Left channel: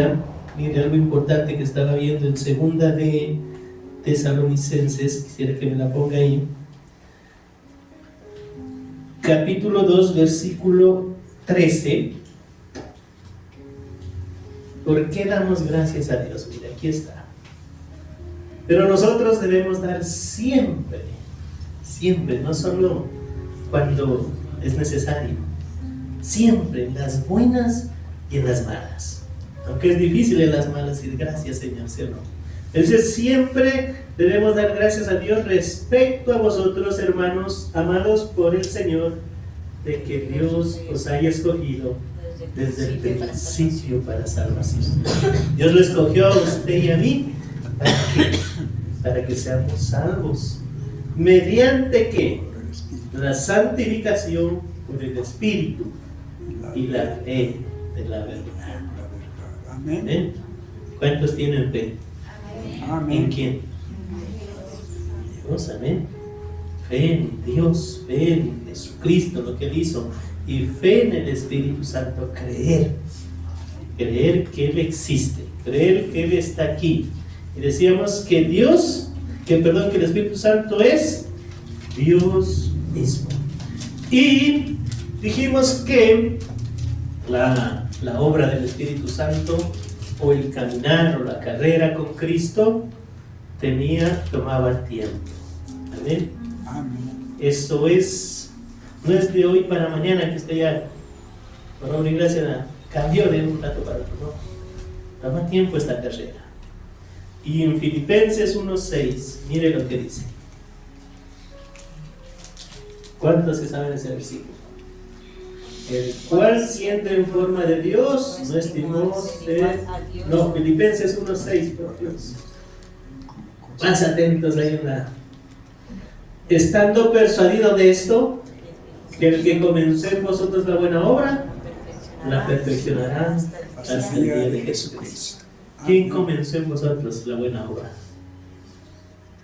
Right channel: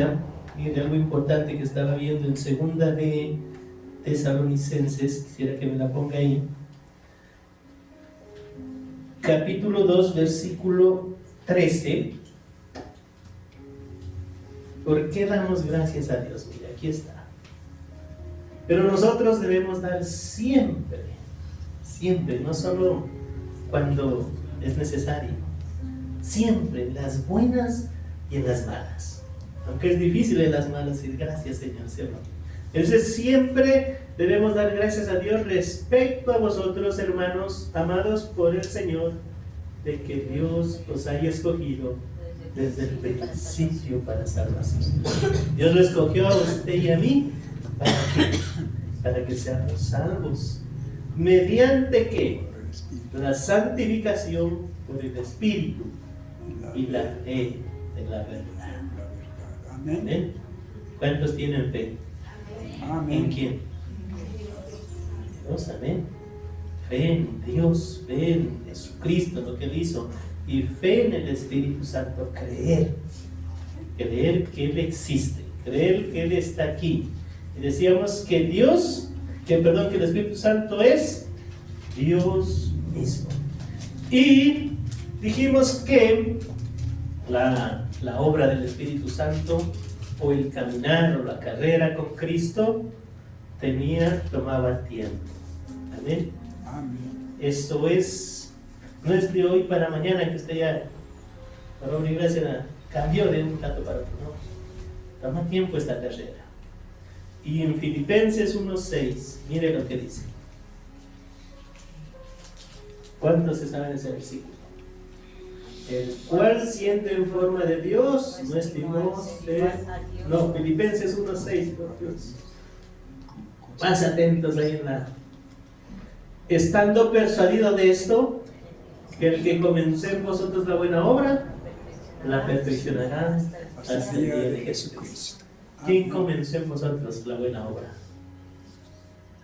Biblia, mire algo importante que estaba viendo en segunda de Tesalonicenses, quisiera que me la ponga ahí, capítulo 2, versículo 13. ¿Por qué damos gracias a Dios? Mire, aquí está. Pero nosotros debemos dar siempre, siempre, no solo cuando es necesario, siempre en las buenas y en las malas. Aunque es difícil en las malas decir gracias, Señor, ¿sí o no? Entonces siempre debemos dar gracias a Dios respecto a vosotros, hermanos amados por el Señor, de que Dios os haya escogido desde el principio para salvación. Dios lo escogió a usted y a mí para que seamos salvos. ¿Mediante qué? La santificación por el Espíritu y la fe de la verdad. Amén. ¿Cuántos tienen fe? Amén. ¿En quién? Dios, amén. Fe en Dios, fe en Jesucristo, lo que Él hizo, y fe en el Espíritu Santo. Creer que Él existe, creer que Él está aquí. Y decíamos que que el Espíritu Santo es Dios mismo. Y dijimos que la obra del Espíritu Santo, o el caminar o la carrera con Cristo, tomaba tiempo. Amén. Esto no es de hoy para mañana que usted ya, por obra y gracia, cambió de un rato para otro, no. Toma tiempo esta carrera. Y en Filipenses 1:6, mire lo que dice. ¿Cuántos se saben ese versículo? El cual siente en forma de Dios, no estimó ser. No, Filipenses 1:6, por Dios. Más atentos ahí estando persuadido de esto, que el que comenzó en vosotros la buena obra, la perfeccionará hasta el día de Jesucristo. ¿Quién comenzó en vosotros la buena obra?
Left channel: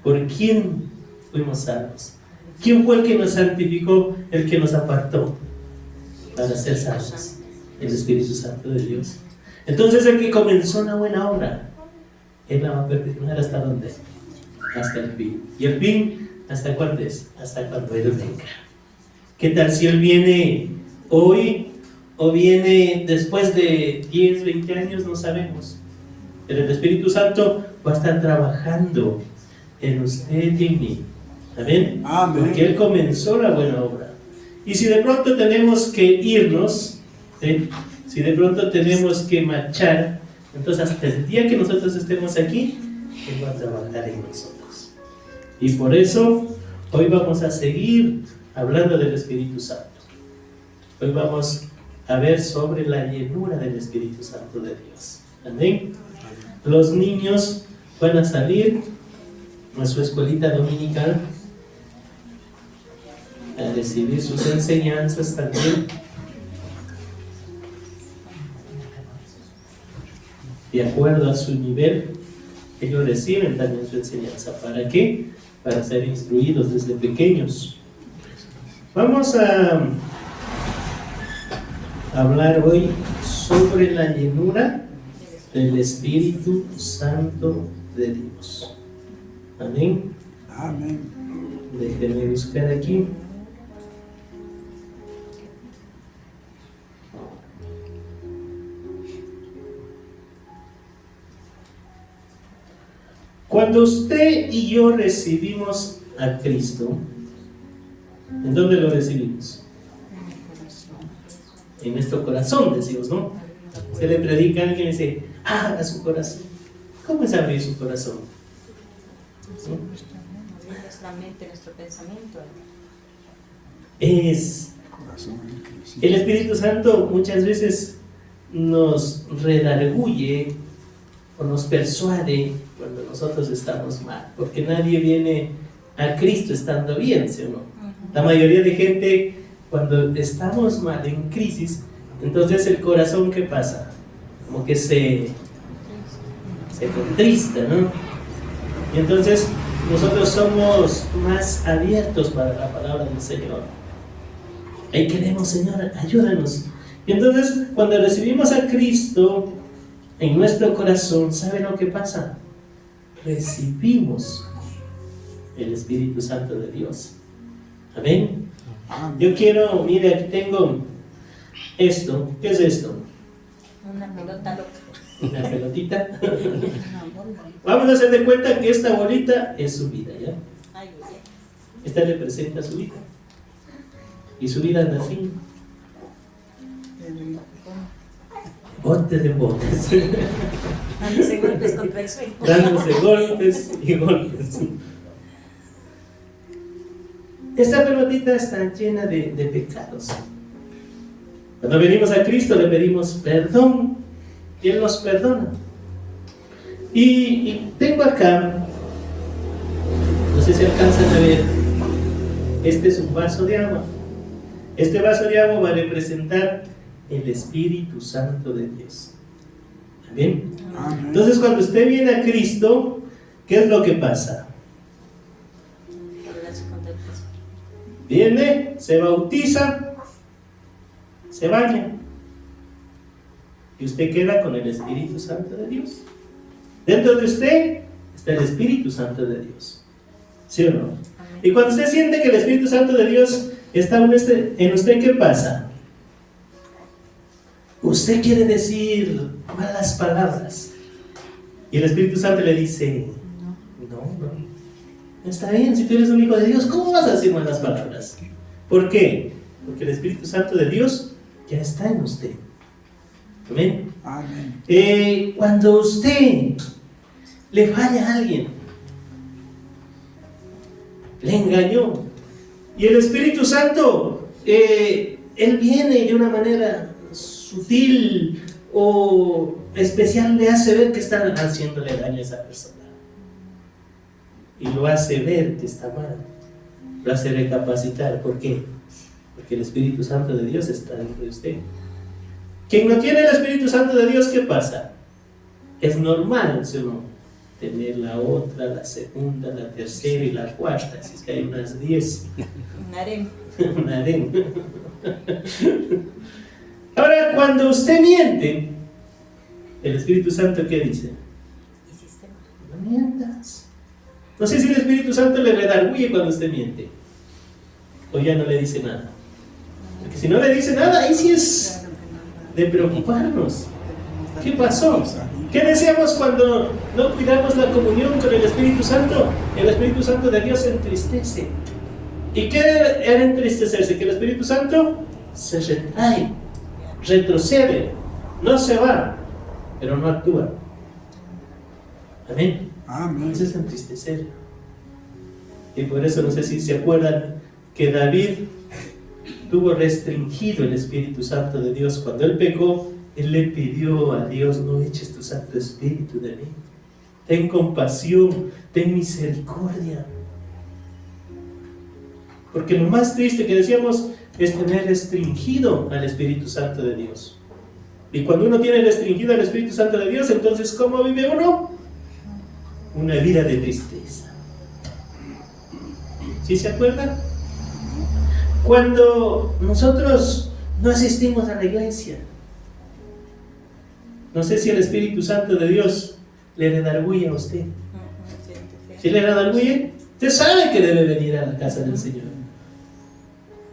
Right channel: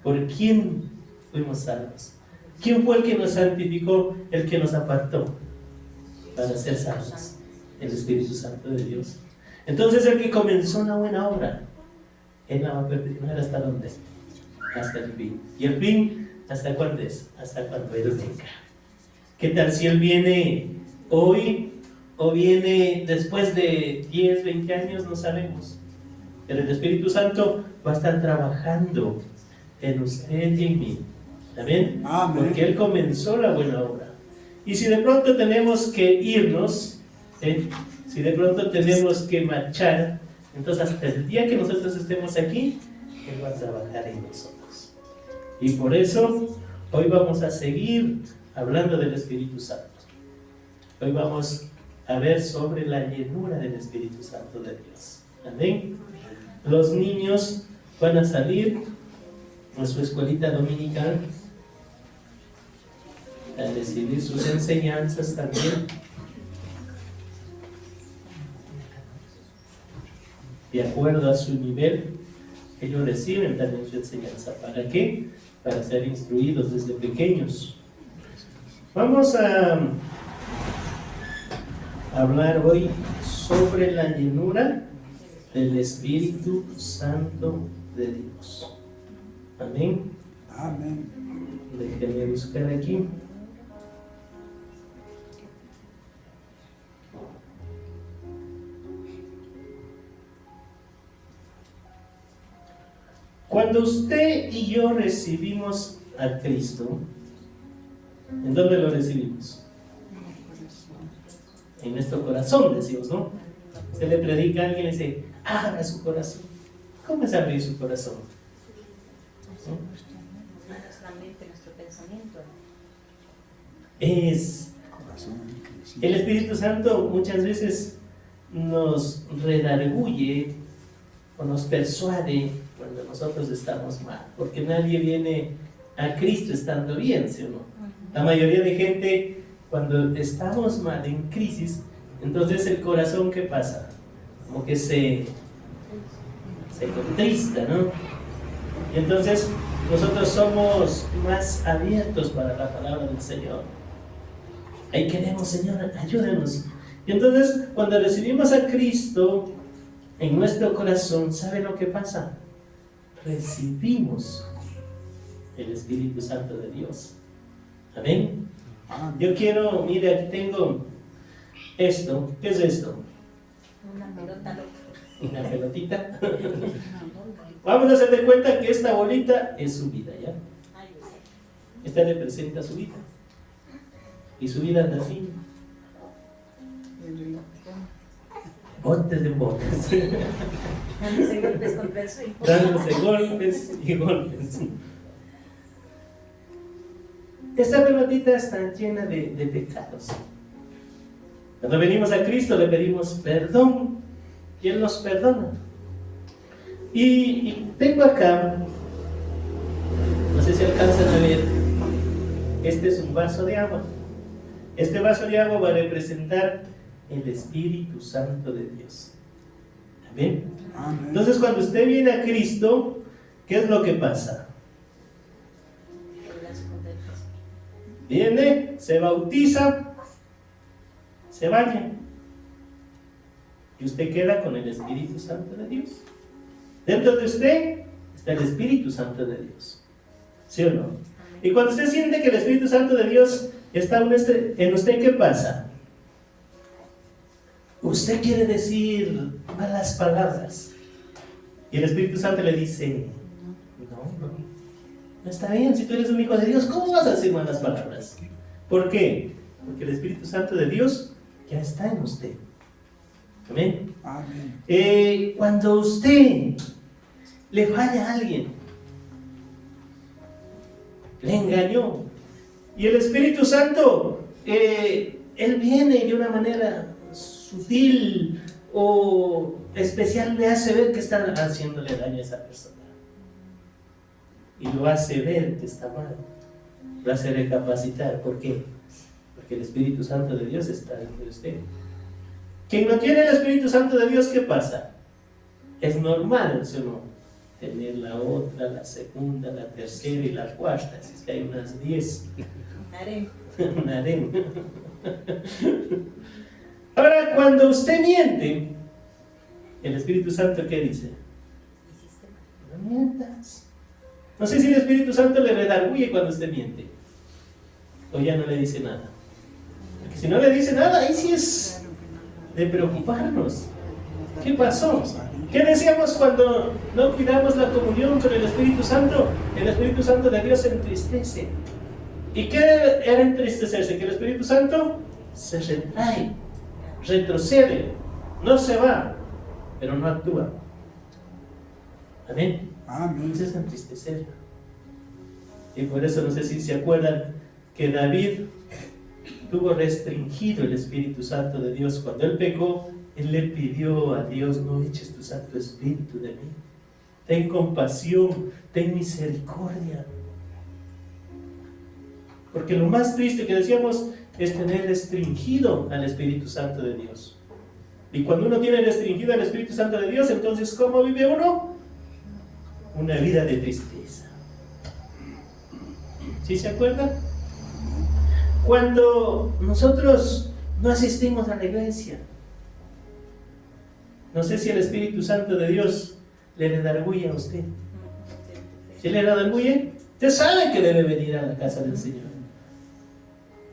¿Por quién fuimos salvos? ¿Quién fue el que nos santificó, el que nos apartó para ser salvos? El Espíritu Santo de Dios. Entonces el que comenzó la buena obra, Él la va a perfeccionar ¿hasta dónde? Hasta el fin. ¿Y el fin hasta cuándo es? Hasta cuando Él venga. ¿Qué tal si Él viene hoy o viene después de 10, 20 años? No sabemos. Pero el Espíritu Santo va a estar trabajando en usted y en mí. ¿Amén? Amén. Porque Él comenzó la buena obra. Y si de pronto tenemos que irnos, si de pronto tenemos que marchar, entonces hasta el día que nosotros estemos aquí, Él va a trabajar en nosotros. Y por eso hoy vamos a seguir hablando del Espíritu Santo. Hoy vamos a ver sobre la llenura del Espíritu Santo de Dios. Amén. Los niños van a salir a su escuelita dominical a recibir sus enseñanzas también. De acuerdo a su nivel, ellos reciben también su enseñanza. ¿Para qué? Para ser instruidos desde pequeños. Vamos a hablar hoy sobre la llenura del Espíritu Santo de Dios. Amén. Amén. Déjenme buscar aquí. Cuando usted y yo recibimos a Cristo, ¿en dónde lo recibimos? En nuestro corazón, decimos, ¿no? Usted le predica a alguien y dice, abra su corazón. ¿Cómo es abrir su corazón? ¿No? Nuestra mente, nuestro pensamiento. El Espíritu Santo muchas veces nos redarguye o nos persuade cuando nosotros estamos mal, porque nadie viene a Cristo estando bien, ¿sí o no? La mayoría de gente, cuando estamos mal, en crisis, entonces el corazón, ¿qué pasa? Como que se contrista, ¿no? Y entonces nosotros somos más abiertos para la palabra del Señor. Ahí queremos, Señor, ayúdanos. Y entonces cuando recibimos a Cristo, en nuestro corazón, ¿sabe lo que pasa? Recibimos el Espíritu Santo de Dios. Amén. Yo quiero, mire, aquí tengo esto. ¿Qué es esto? Una pelota loca. Una pelotita. Una bola. Vamos a hacer de cuenta que esta bolita es su vida, ¿ya? Ay, ay, Esta representa su vida. Y su vida anda así. ay. Botes de botes. Dándose golpes contra el suelo. Dándose golpes y golpes. Esta pelotita está llena de pecados. Cuando venimos a Cristo le pedimos perdón y Él nos perdona. Y tengo acá, no sé si alcanzan a ver, este es un vaso de agua. Este vaso de agua va a representar el Espíritu Santo de Dios. ¿Amén? Entonces cuando usted viene a Cristo, ¿qué es lo que pasa? Viene, se bautiza, se baña y usted queda con el Espíritu Santo de Dios. Dentro de usted está el Espíritu Santo de Dios, ¿sí o no? Y cuando usted siente que el Espíritu Santo de Dios está en usted, ¿qué pasa? Usted quiere decir malas palabras y el Espíritu Santo le dice: no está bien, si tú eres un hijo de Dios, ¿cómo vas a decir malas palabras? ¿Por qué? Porque el Espíritu Santo de Dios ya está en usted. Amén. Cuando usted le falla a alguien, le engañó, y el Espíritu Santo, Él viene de una manera sutil o especial, le hace ver que está haciéndole daño a esa persona. Y lo hace ver que está mal, lo hace recapacitar. ¿Por qué? Porque el Espíritu Santo de Dios está dentro de usted. Quien no tiene el Espíritu Santo de Dios, ¿qué pasa? Es normal, ¿sí o no? Tener la otra, la segunda, la tercera y la cuarta, si es que hay unas 10. Un harén. Un harén. Ahora, cuando usted miente, el Espíritu Santo, ¿qué dice? Hiciste mal. No mientas. No sé si el Espíritu Santo le redarguye cuando usted miente, o ya no le dice nada. Porque si no le dice nada, ahí sí es de preocuparnos. ¿Qué pasó? ¿Qué decíamos cuando no cuidamos la comunión con el Espíritu Santo? El Espíritu Santo de Dios se entristece. ¿Y qué era entristecerse? Que el Espíritu Santo se retrae, retrocede, no se va, pero no actúa. Amén. Eso es entristecer. Y por eso, no sé si se acuerdan que David tuvo restringido el Espíritu Santo de Dios. Cuando él pecó, él le pidió a Dios: no eches tu Santo Espíritu de mí. Ten compasión, ten misericordia. Porque lo más triste que decíamos es tener restringido al Espíritu Santo de Dios. Y cuando uno tiene restringido al Espíritu Santo de Dios, entonces ¿cómo vive uno? Una vida de tristeza. ¿Sí se acuerdan? Cuando nosotros no asistimos a la iglesia, no sé si el Espíritu Santo de Dios le redarguye a usted. ¿Sí le redarguye? Usted sabe que debe venir a la casa del Señor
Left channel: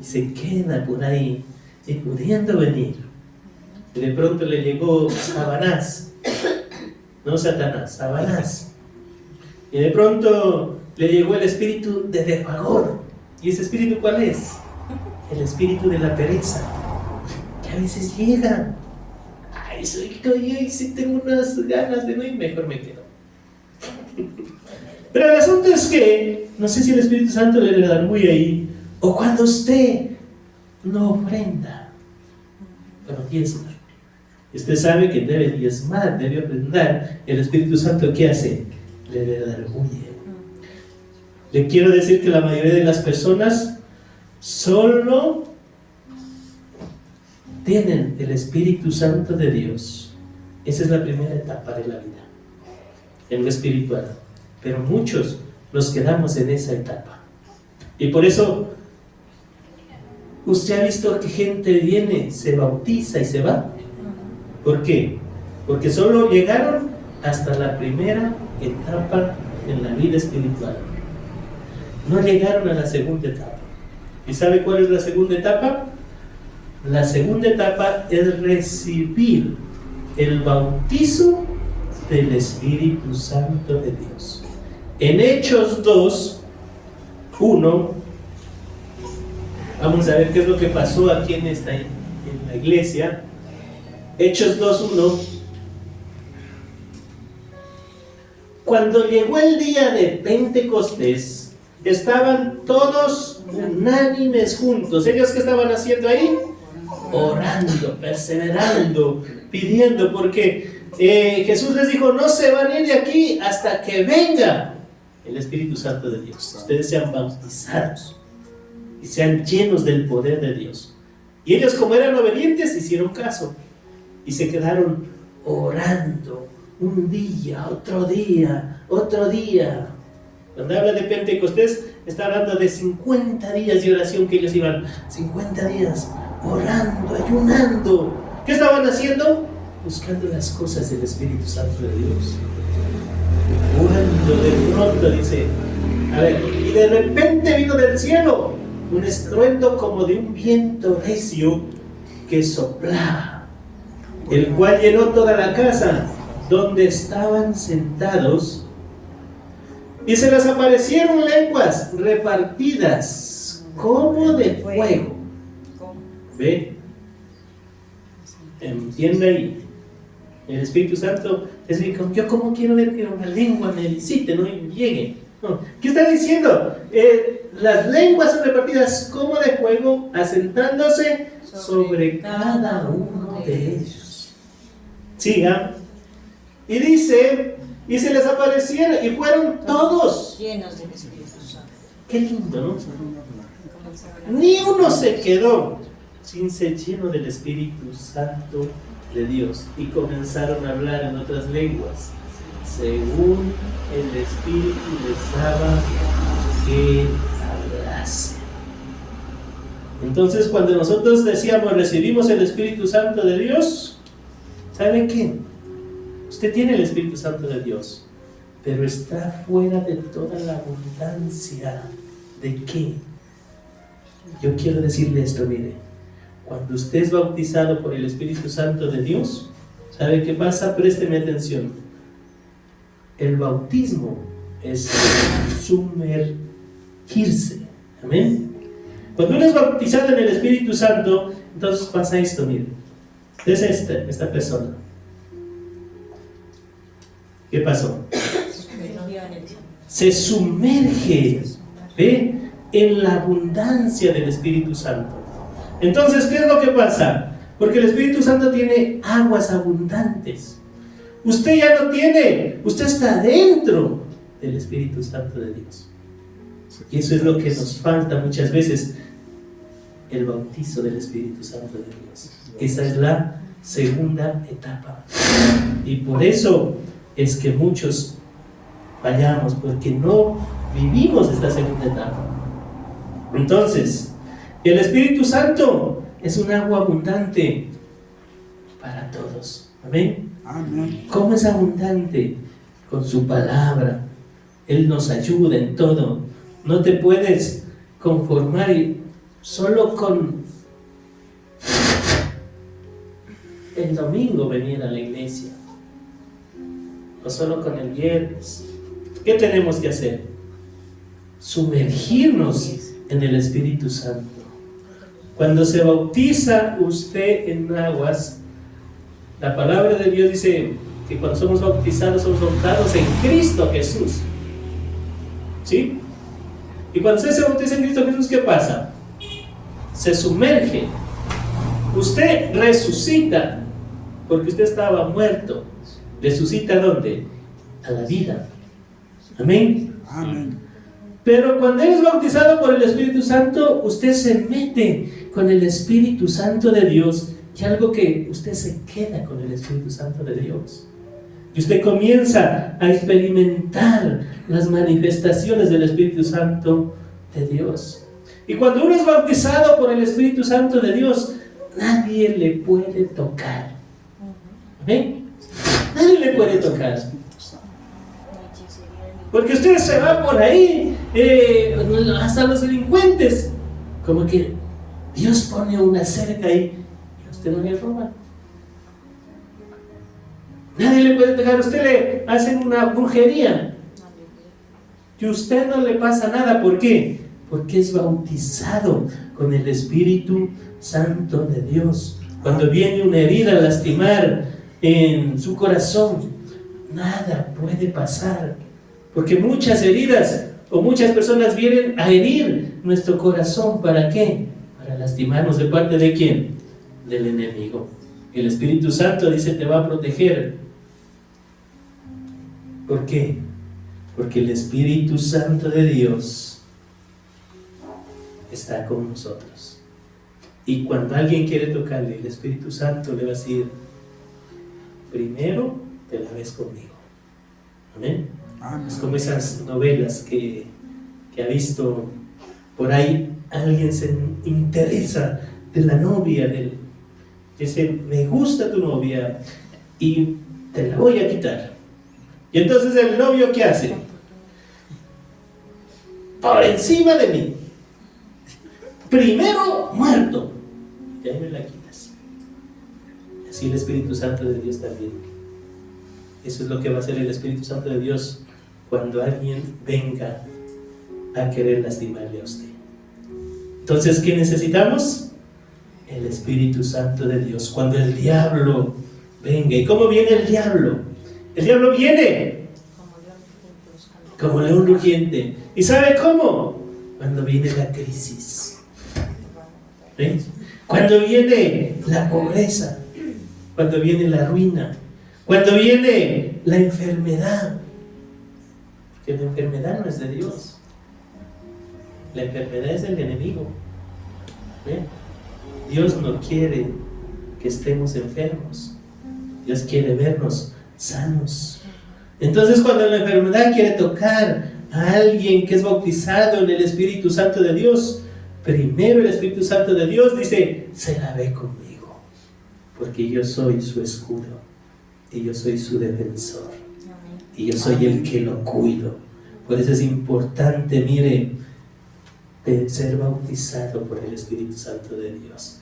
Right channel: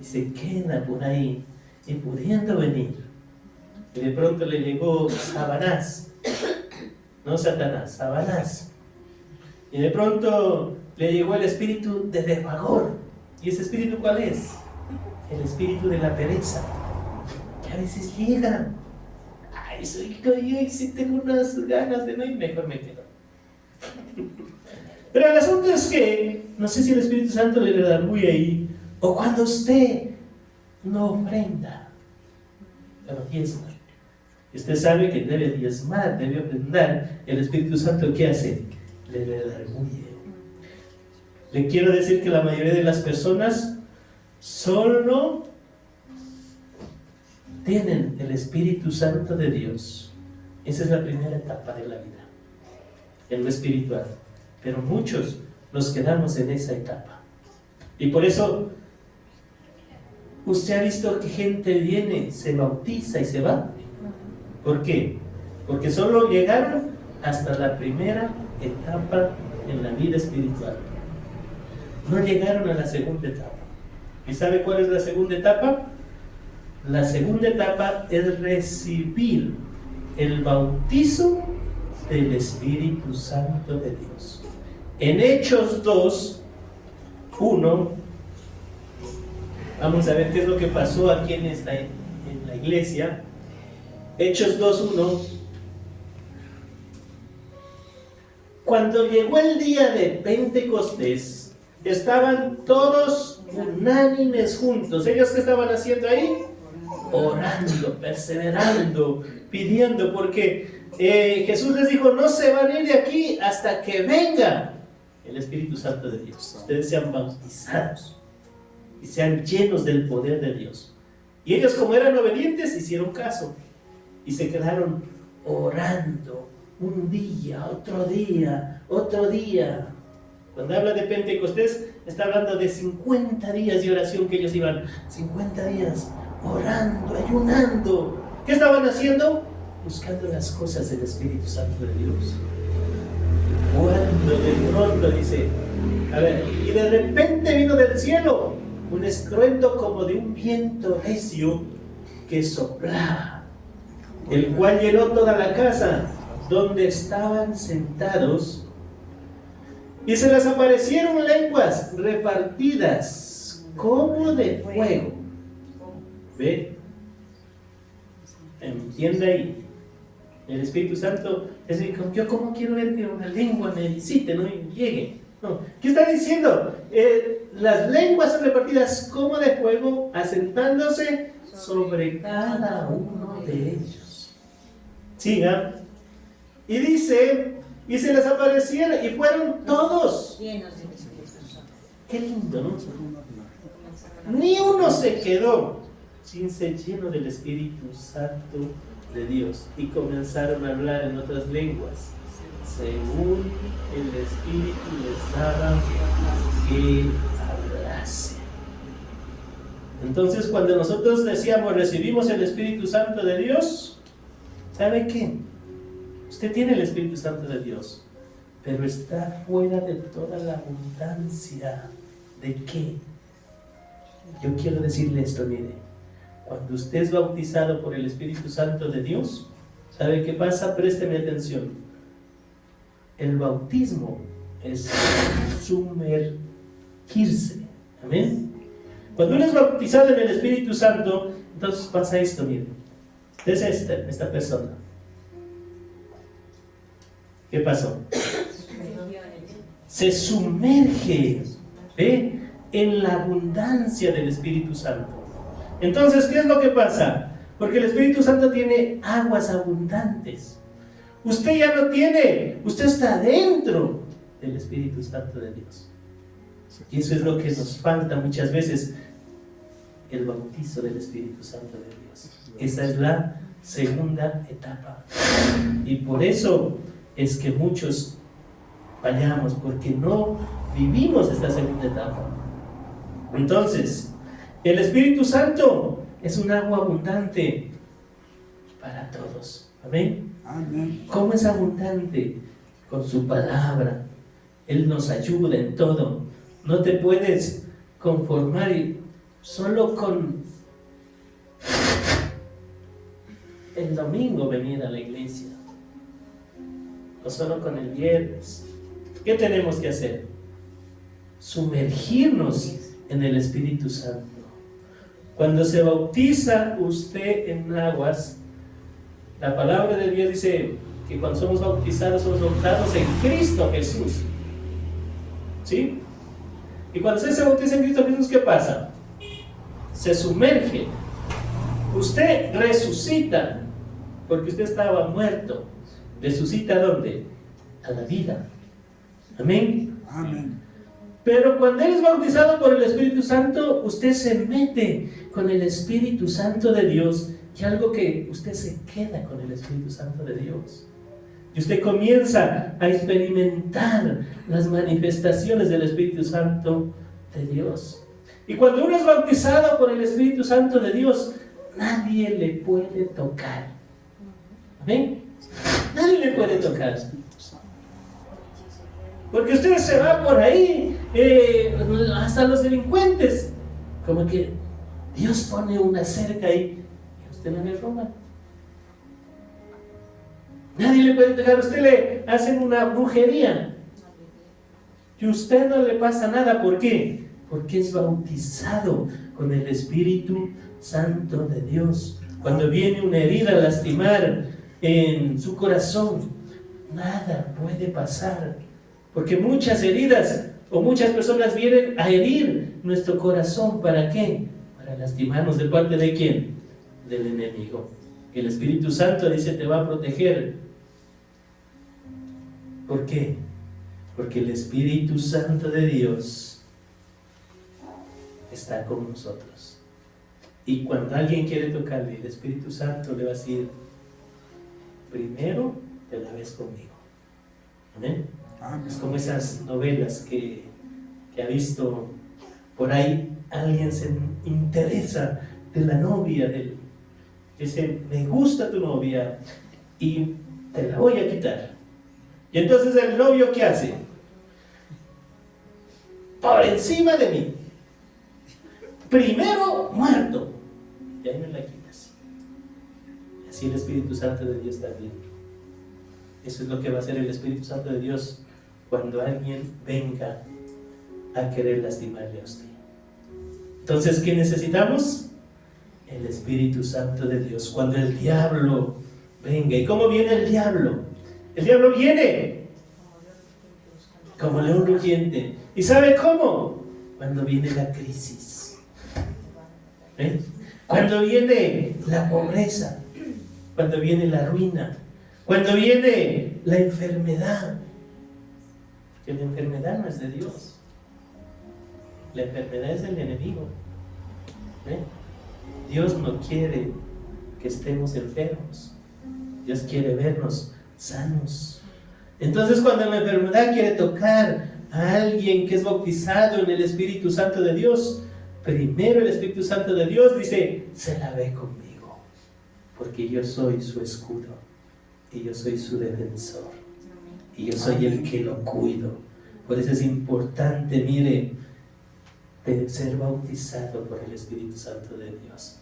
y se queda por ahí y pudiendo venir. Y de pronto le llegó Satanás, no Satanás, Satanás. Y de pronto le llegó el espíritu de desfavor. ¿Y ese espíritu cuál es? El espíritu de la pereza, que a veces llega. Ay, soy yo y si tengo unas ganas de no ir, mejor me quedo. Pero el asunto es que, no sé si el Espíritu Santo le da muy ahí, o cuando usted no ofrenda, pero diezma. Usted sabe que debe diezmar, debe ofrendar. El Espíritu Santo, ¿qué hace? Le redarguye. Le quiero decir que la mayoría de las personas solo tienen el Espíritu Santo de Dios. Esa es la primera etapa de la vida, en lo espiritual. Pero muchos nos quedamos en esa etapa. Y por eso usted ha visto que gente viene, se bautiza y se va. ¿Por qué? porque solo llegaron hasta la primera etapa en la vida espiritual. No llegaron a la segunda etapa. ¿Y sabe cuál es la segunda etapa? La segunda etapa es recibir el bautizo del Espíritu Santo de Dios. En Hechos 2:1, vamos a ver qué es lo que pasó aquí en la iglesia. Hechos 2:1. Cuando llegó el día de Pentecostés, estaban todos unánimes juntos. ¿Ellos qué estaban haciendo ahí? Orando, perseverando, pidiendo, porque Jesús les dijo: no se van a ir de aquí hasta que venga el Espíritu Santo de Dios. Ustedes sean bautizados y sean llenos del poder de Dios. Y ellos, como eran obedientes, hicieron caso y se quedaron orando un día, otro día, otro día. Cuando habla de Pentecostés, está hablando de 50 días de oración que ellos iban, 50 días orando, ayunando. ¿Qué estaban haciendo? Buscando las cosas del Espíritu Santo de Dios. Cuando de pronto dice, a ver, y de repente vino del cielo un estruendo como de un viento recio que soplaba, el cual llenó toda la casa donde estaban sentados, y se les aparecieron lenguas repartidas como de fuego. ¿Ve? Entiende ahí. El Espíritu Santo es decir, yo como quiero ver que una lengua me visite, no y llegue. No. ¿Qué está diciendo? Las lenguas son repartidas como de fuego, asentándose sobre cada uno de ellos. Siga. Y dice, y se les aparecieron, y fueron todos llenos del Espíritu Santo. Qué lindo, ¿no? Ni uno se quedó sin ser lleno del Espíritu Santo de Dios, y comenzaron a hablar en otras lenguas según el Espíritu les daba que hablase. Entonces, cuando nosotros decíamos recibimos el Espíritu Santo de Dios, ¿sabe qué? Usted tiene el Espíritu Santo de Dios, pero está fuera de toda la abundancia. ¿De qué? Yo quiero decirle esto, mire. Cuando usted es bautizado por el Espíritu Santo de Dios, ¿sabe qué pasa? Présteme atención. El bautismo es sumergirse. Amén. Cuando uno es bautizado en el Espíritu Santo, entonces pasa esto, mire. Es esta persona. ¿Qué pasó? Se sumerge, ¿ve?, en la abundancia del Espíritu Santo. Entonces, ¿qué es lo que pasa? Porque el Espíritu Santo tiene aguas abundantes. Usted ya no tiene, usted está dentro del Espíritu Santo de Dios. Y eso es lo que nos falta muchas veces, el bautizo del Espíritu Santo de Dios. Esa es la segunda etapa. Y por eso es que muchos fallamos, porque no vivimos esta segunda etapa. Entonces, el Espíritu Santo es un agua abundante para todos. ¿Amén? Amén. ¿Cómo es abundante? Con su palabra. Él nos ayuda en todo. No te puedes conformar solo con el domingo venir a la iglesia, o solo con el viernes. ¿Qué tenemos que hacer? Sumergirnos en el Espíritu Santo. Cuando se bautiza usted en aguas, la palabra de Dios dice que cuando somos bautizados en Cristo Jesús. ¿Sí? Y cuando usted se bautiza en Cristo Jesús, ¿qué pasa? Se sumerge. Usted resucita, porque usted estaba muerto. ¿Resucita ¿dónde? A la vida. Amén. Amén. Pero cuando eres bautizado por el Espíritu Santo, usted se mete con el Espíritu Santo de Dios, y algo que usted se queda con el Espíritu Santo de Dios. Y usted comienza a experimentar las manifestaciones del Espíritu Santo de Dios. Y cuando uno es bautizado por el Espíritu Santo de Dios, nadie le puede tocar. ¿Amén? Nadie le puede tocar. Porque usted se va por ahí, hasta los delincuentes. Como que Dios pone una cerca ahí y a usted no le roba. Nadie le puede tocar. A usted le hacen una brujería y a usted no le pasa nada. ¿Por qué? Porque es bautizado con el Espíritu Santo de Dios. Cuando viene una herida a lastimar en su corazón, nada puede pasar. Porque muchas heridas o muchas personas vienen a herir nuestro corazón. ¿Para qué? Para lastimarnos. ¿De parte de quién? Del enemigo. El Espíritu Santo dice te va a proteger. ¿Por qué? Porque el Espíritu Santo de Dios está con nosotros. Y cuando alguien quiere tocarle, el Espíritu Santo le va a decir, primero te la ves conmigo. ¿Amén? Es como esas novelas que ha visto por ahí. Alguien se interesa de la novia, dice, me gusta tu novia y te la voy a quitar. Y entonces el novio, ¿qué hace? Por encima de mí. Primero muerto. Y ahí me la quitas. Y así el Espíritu Santo de Dios también. Eso es lo que va a hacer el Espíritu Santo de Dios cuando alguien venga a querer lastimarle a usted. Entonces, ¿qué necesitamos? El Espíritu Santo de Dios. Cuando el diablo venga. ¿Y cómo viene el diablo? El diablo viene como león rugiente. ¿Y sabe cómo? Cuando viene la crisis. ¿Eh? Cuando viene la pobreza. Cuando viene la ruina. Cuando viene la enfermedad. Que la enfermedad no es de Dios. La enfermedad es del enemigo. ¿Eh? Dios no quiere que estemos enfermos. Dios quiere vernos sanos. Entonces, cuando la enfermedad quiere tocar a alguien que es bautizado en el Espíritu Santo de Dios, primero el Espíritu Santo de Dios dice, se la ve conmigo, porque yo soy su escudo y yo soy su defensor y yo soy el que lo cuido. Por eso es importante, mire, ser bautizado por el Espíritu Santo de Dios.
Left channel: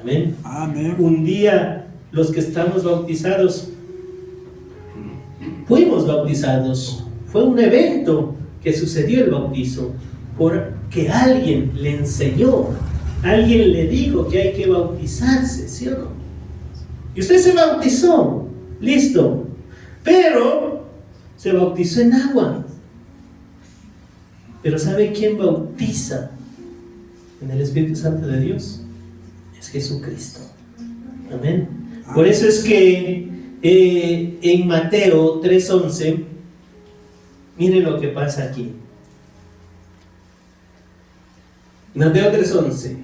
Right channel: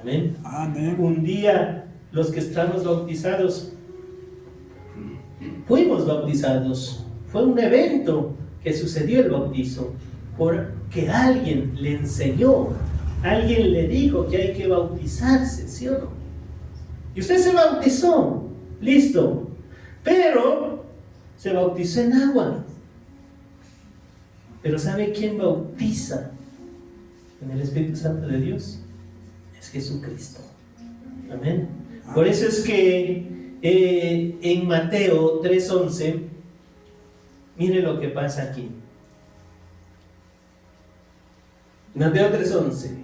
Amén. Amén. Un día los que estamos bautizados fuimos bautizados. Fue un evento que sucedió el bautizo porque alguien le enseñó, alguien le dijo que hay que bautizarse, ¿sí o no? Y usted se bautizó, listo, pero se bautizó en agua. Pero ¿sabe quién bautiza en el Espíritu Santo de Dios? Es Jesucristo. Amén. Por eso es que en Mateo 3:11, mire lo que pasa aquí. Mateo 3:11.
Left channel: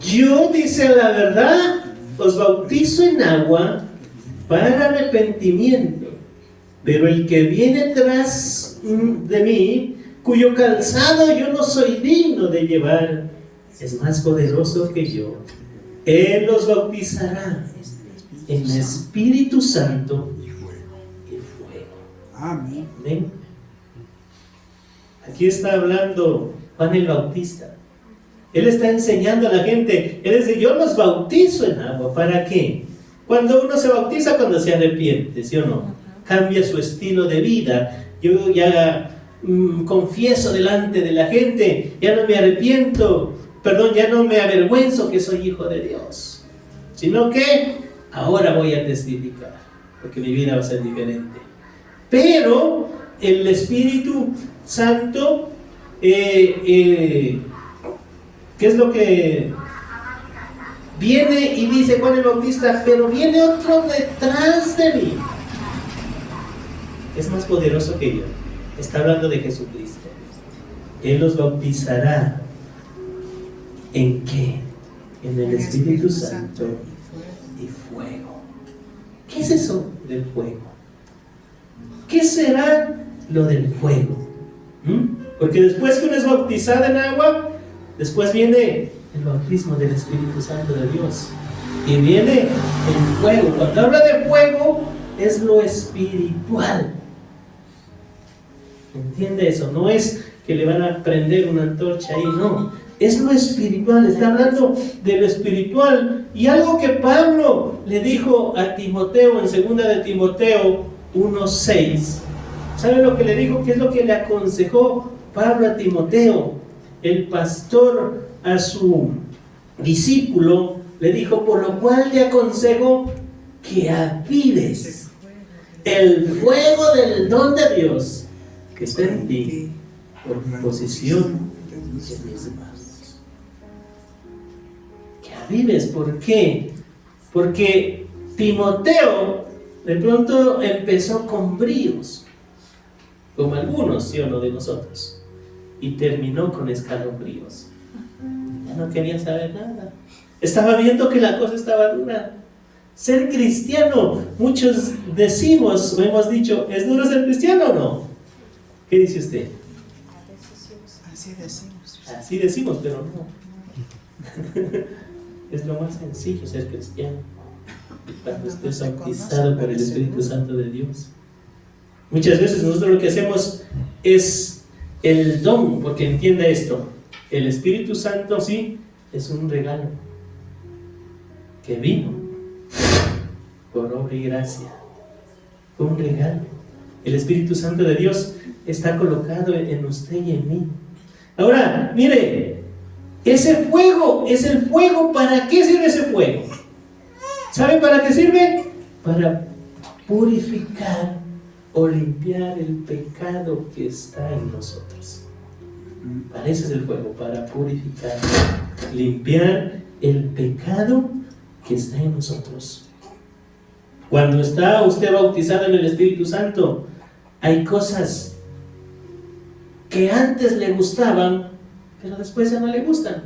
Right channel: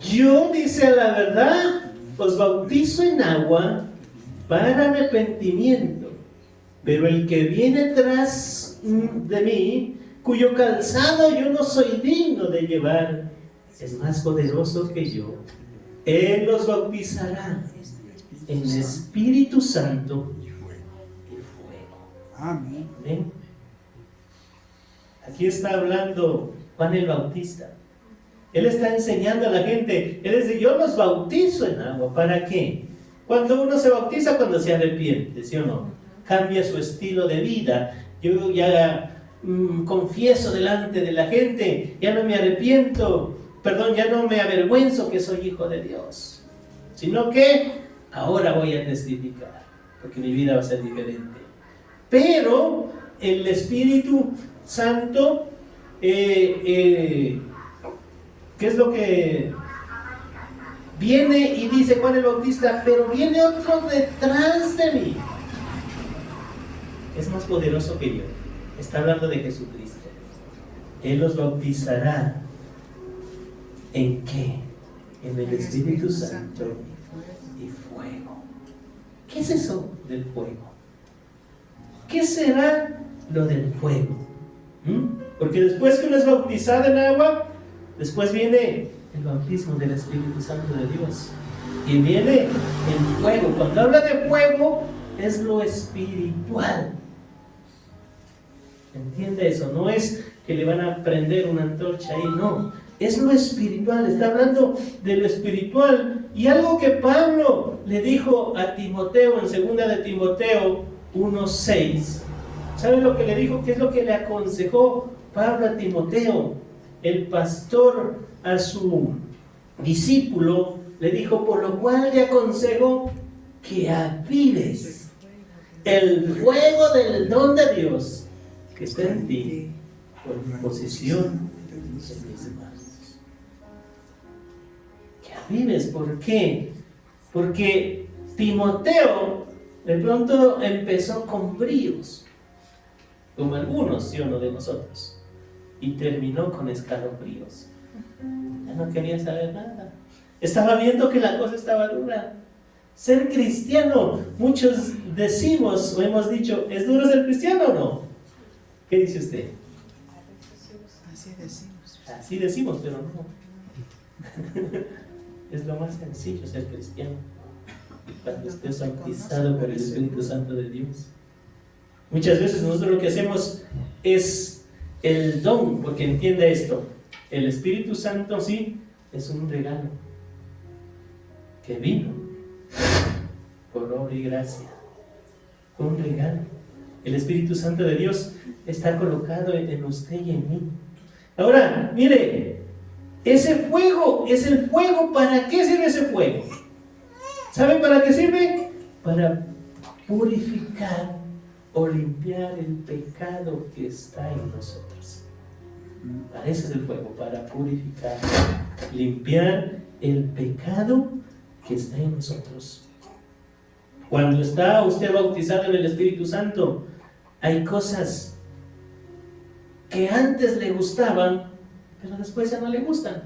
Yo, dice la verdad, os bautizo en agua para arrepentimiento. Pero el que viene tras de mí, cuyo calzado yo no soy digno de llevar, es más poderoso que yo. Él los bautizará en Espíritu Santo y fuego. Amén. Amén. Aquí está hablando Juan el Bautista. Él está enseñando a la gente. Él dice, yo los bautizo en agua. ¿Para qué? Cuando uno se bautiza, cuando se arrepiente, ¿sí o no? Cambia su estilo de vida. Yo ya confieso delante de la gente, ya no me arrepiento, ya no me avergüenzo que soy hijo de Dios, sino que ahora voy a testificar, porque mi vida va a ser diferente. Pero el Espíritu Santo, ¿qué es lo que viene y dice Juan el Bautista? Pero viene otro detrás de mí, es más poderoso que yo. Está hablando de Jesucristo. Él los bautizará ¿en qué? En el Espíritu Santo y fuego. ¿Qué es eso del fuego? ¿Qué será lo del fuego? Porque después que uno es bautizado en agua, después viene el bautismo del Espíritu Santo de Dios. y viene el fuego. Cuando habla de fuego, es lo espiritual. ¿Entiende eso? No es que le van a prender una antorcha ahí, no. Es lo espiritual, está hablando de lo espiritual. Y algo que Pablo le dijo a Timoteo en 2 de Timoteo 1:6. ¿Sabe lo que le dijo? ¿Qué es lo que le aconsejó Pablo a Timoteo? El pastor a su discípulo le dijo: por lo cual te aconsejo que avives el fuego del don de Dios que está en ti por posición de mis manos. Que avives, ¿por qué? Porque Timoteo de pronto empezó con bríos, como algunos, ¿sí o no?, de nosotros, y terminó con escalofríos. Ya no quería saber nada. Estaba viendo que la cosa estaba dura. Ser cristiano, muchos decimos o hemos dicho, ¿es duro ser cristiano o no? ¿Qué dice usted? Así decimos. Así decimos, pero no. Es lo más sencillo ser cristiano, cuando estés bautizado por el Espíritu Santo de Dios. Muchas veces nosotros lo que hacemos es el don, porque entiende esto: el Espíritu Santo sí es un regalo que vino por obra y gracia. Un regalo. El Espíritu Santo de Dios está colocado en usted y en mí. Ahora, mire, ese fuego es el fuego. ¿Para qué sirve ese fuego? ¿Sabe para qué sirve? Para purificar o limpiar el pecado que está en nosotros. Para eso es el fuego, para purificar, limpiar el pecado que está en nosotros. Cuando está usted bautizado en el Espíritu Santo, hay cosas que antes le gustaban, pero después ya no le gustan.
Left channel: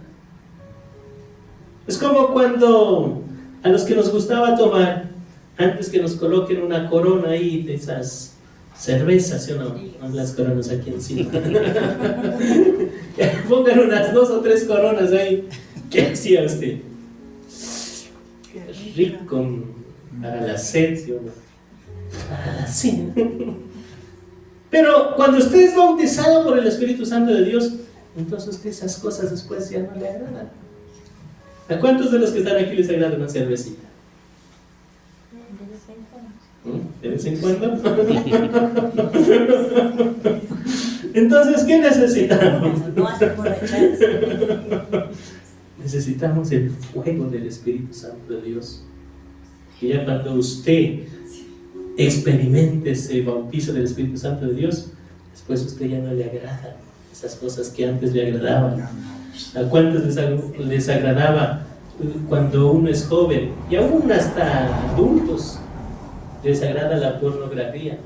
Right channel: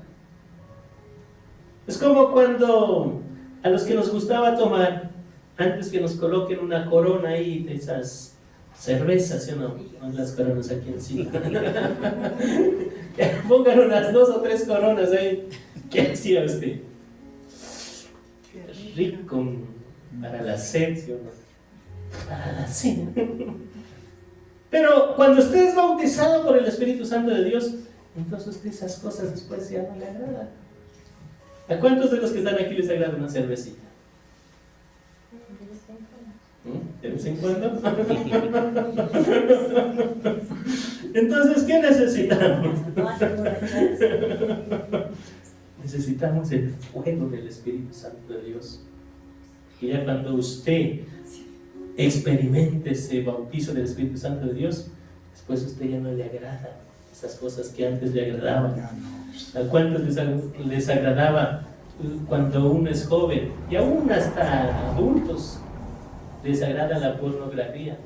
Es como cuando a los que nos gustaba tomar, antes que nos coloquen una corona ahí de esas cervezas, ¿sí o no? No las coronas aquí encima. Pongan unas 2 o 3 coronas ahí. ¿Qué hacía usted? Rico para la sed, ¿sí o no? Para la sed. Pero cuando usted es bautizado por el Espíritu Santo de Dios, entonces usted esas cosas después ya no le agradan. ¿A cuántos de los que están aquí les agrada una cervecita? ¿De vez en cuando? Entonces, ¿qué necesitamos? No hace emborracharse. Necesitamos el fuego del Espíritu Santo de Dios. Y ya cuando usted experimente ese bautizo del Espíritu Santo de Dios, después a usted ya no le agradan esas cosas que antes le agradaban. ¿A cuántos les agradaba cuando uno es joven? Y aún hasta adultos les agrada la pornografía.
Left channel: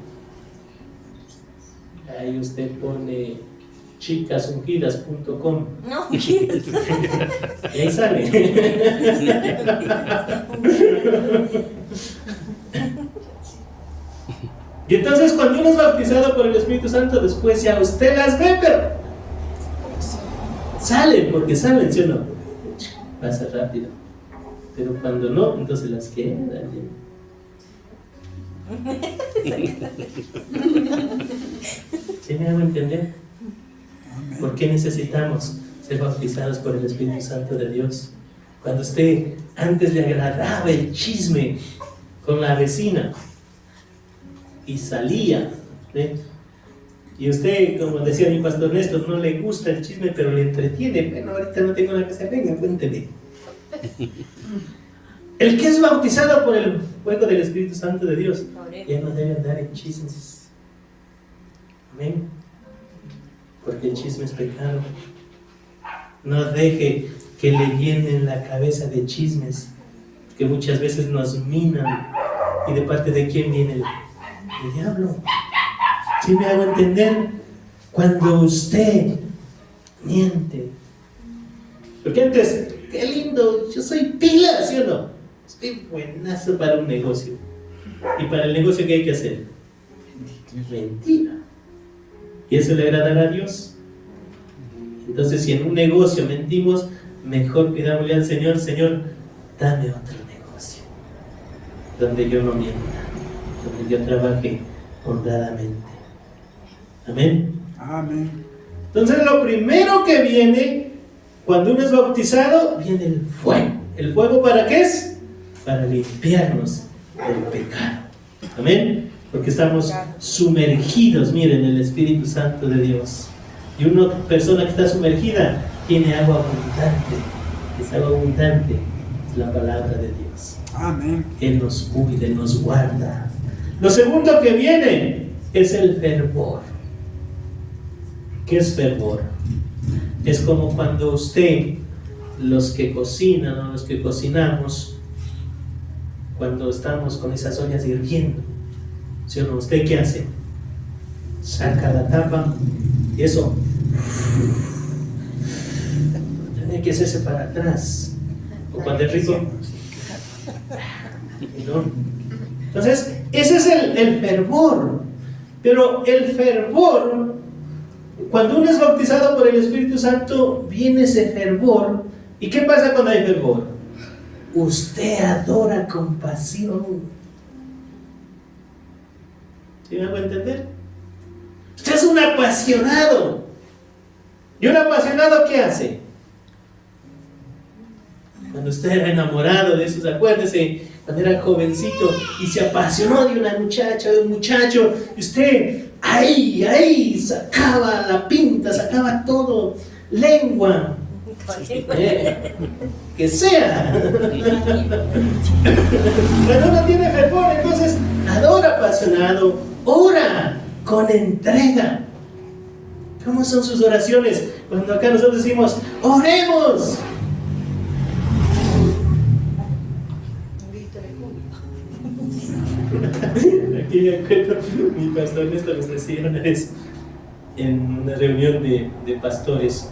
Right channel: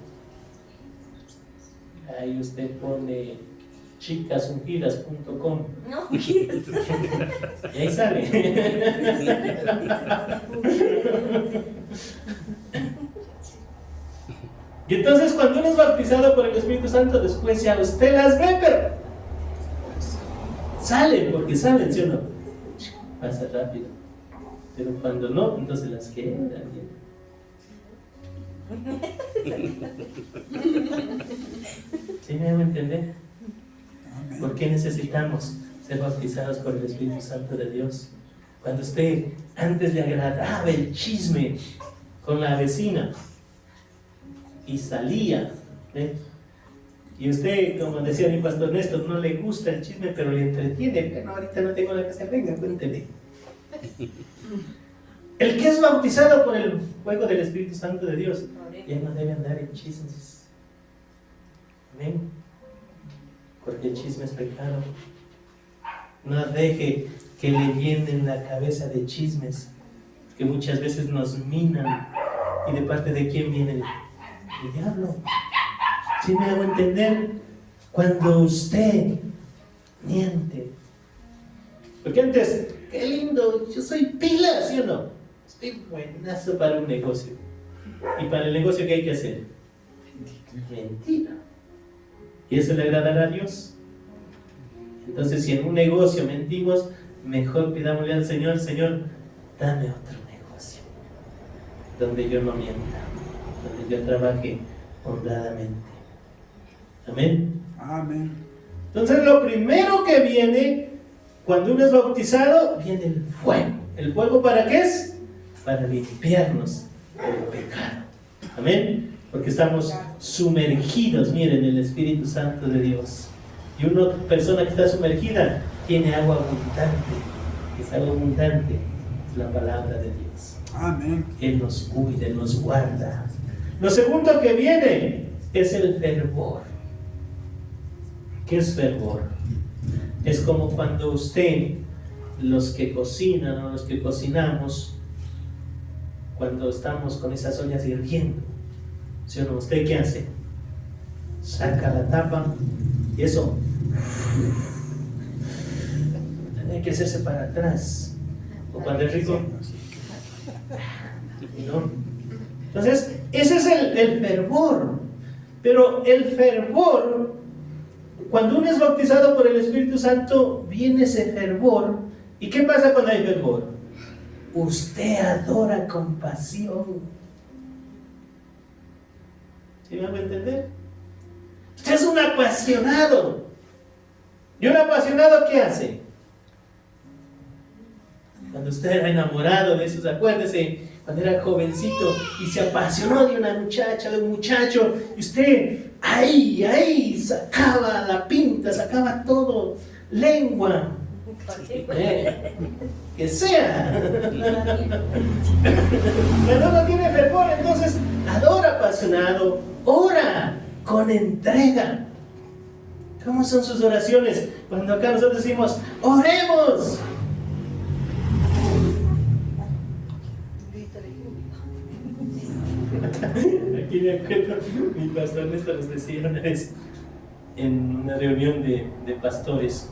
Ahí usted pone chicasungidas.com No, y ahí sale. Y entonces cuando uno es bautizado por el Espíritu Santo, después ya usted las ve, pero salen, porque salen, ¿sí o no? Pasa rápido. Pero cuando no, entonces las quedan. ¿Sí me hago entender? ¿Por qué necesitamos ser bautizados por el Espíritu Santo de Dios? Cuando usted antes le agradaba el chisme con la vecina y salía, ¿eh? Y usted, como decía mi pastor Néstor, no le gusta el chisme, pero le entretiene. Bueno, ahorita no tengo nada que hacer, venga, cuénteme. El que es bautizado por el fuego del Espíritu Santo de Dios ya no debe andar en chismes. Amén. Porque el chisme es pecado. No deje que le llenen la cabeza de chismes que muchas veces nos minan. ¿Y de parte de quién viene el diablo? ¿Sí me hago entender? Cuando usted miente. Porque antes, qué lindo, yo soy pila, ¿sí o no? Soy buenazo para un negocio. ¿Y para el negocio qué hay que hacer? Mentira. ¿Y eso le agradará a Dios? Entonces, si en un negocio mentimos, mejor pidámosle al Señor: Señor, dame otro negocio. donde yo no mienta, donde yo trabaje honradamente. Amén. Amén. Entonces lo primero que viene cuando uno es bautizado, viene el fuego. ¿El fuego para qué es? Para limpiarnos del pecado. Amén. Porque estamos sumergidos, miren, en el Espíritu Santo de Dios. Y una persona que está sumergida tiene agua abundante. Esa agua abundante es la palabra de Dios. Amén. Él nos cuida, Él nos guarda. Lo segundo que viene es el fervor. ¿Qué es fervor? Es como cuando usted, los que cocinan o los que cocinamos, cuando estamos con esas ollas hirviendo, ¿sí o no? ¿Usted qué hace? Saca la tapa y eso tiene que hacerse para atrás. O cuando es rico, ¿no? Entonces, ese es el fervor. Pero el fervor, cuando uno es bautizado por el Espíritu Santo, viene ese fervor. ¿Y qué pasa cuando hay fervor? Usted adora con pasión. ¿Sí me hago entender? Usted es un apasionado. ¿Y un apasionado qué hace? Cuando usted era enamorado de esos, acuérdese, cuando era jovencito y se apasionó de una muchacha, de un muchacho, y usted ahí sacaba la pinta, sacaba todo, lengua, que sea. Cuando uno tiene fervor, entonces adora apasionado, ora con entrega. ¿Cómo son sus oraciones? Cuando acá nosotros decimos, oremos. Aquí me acuerdo, mi pastor Néstor les decía una vez en una reunión de pastores,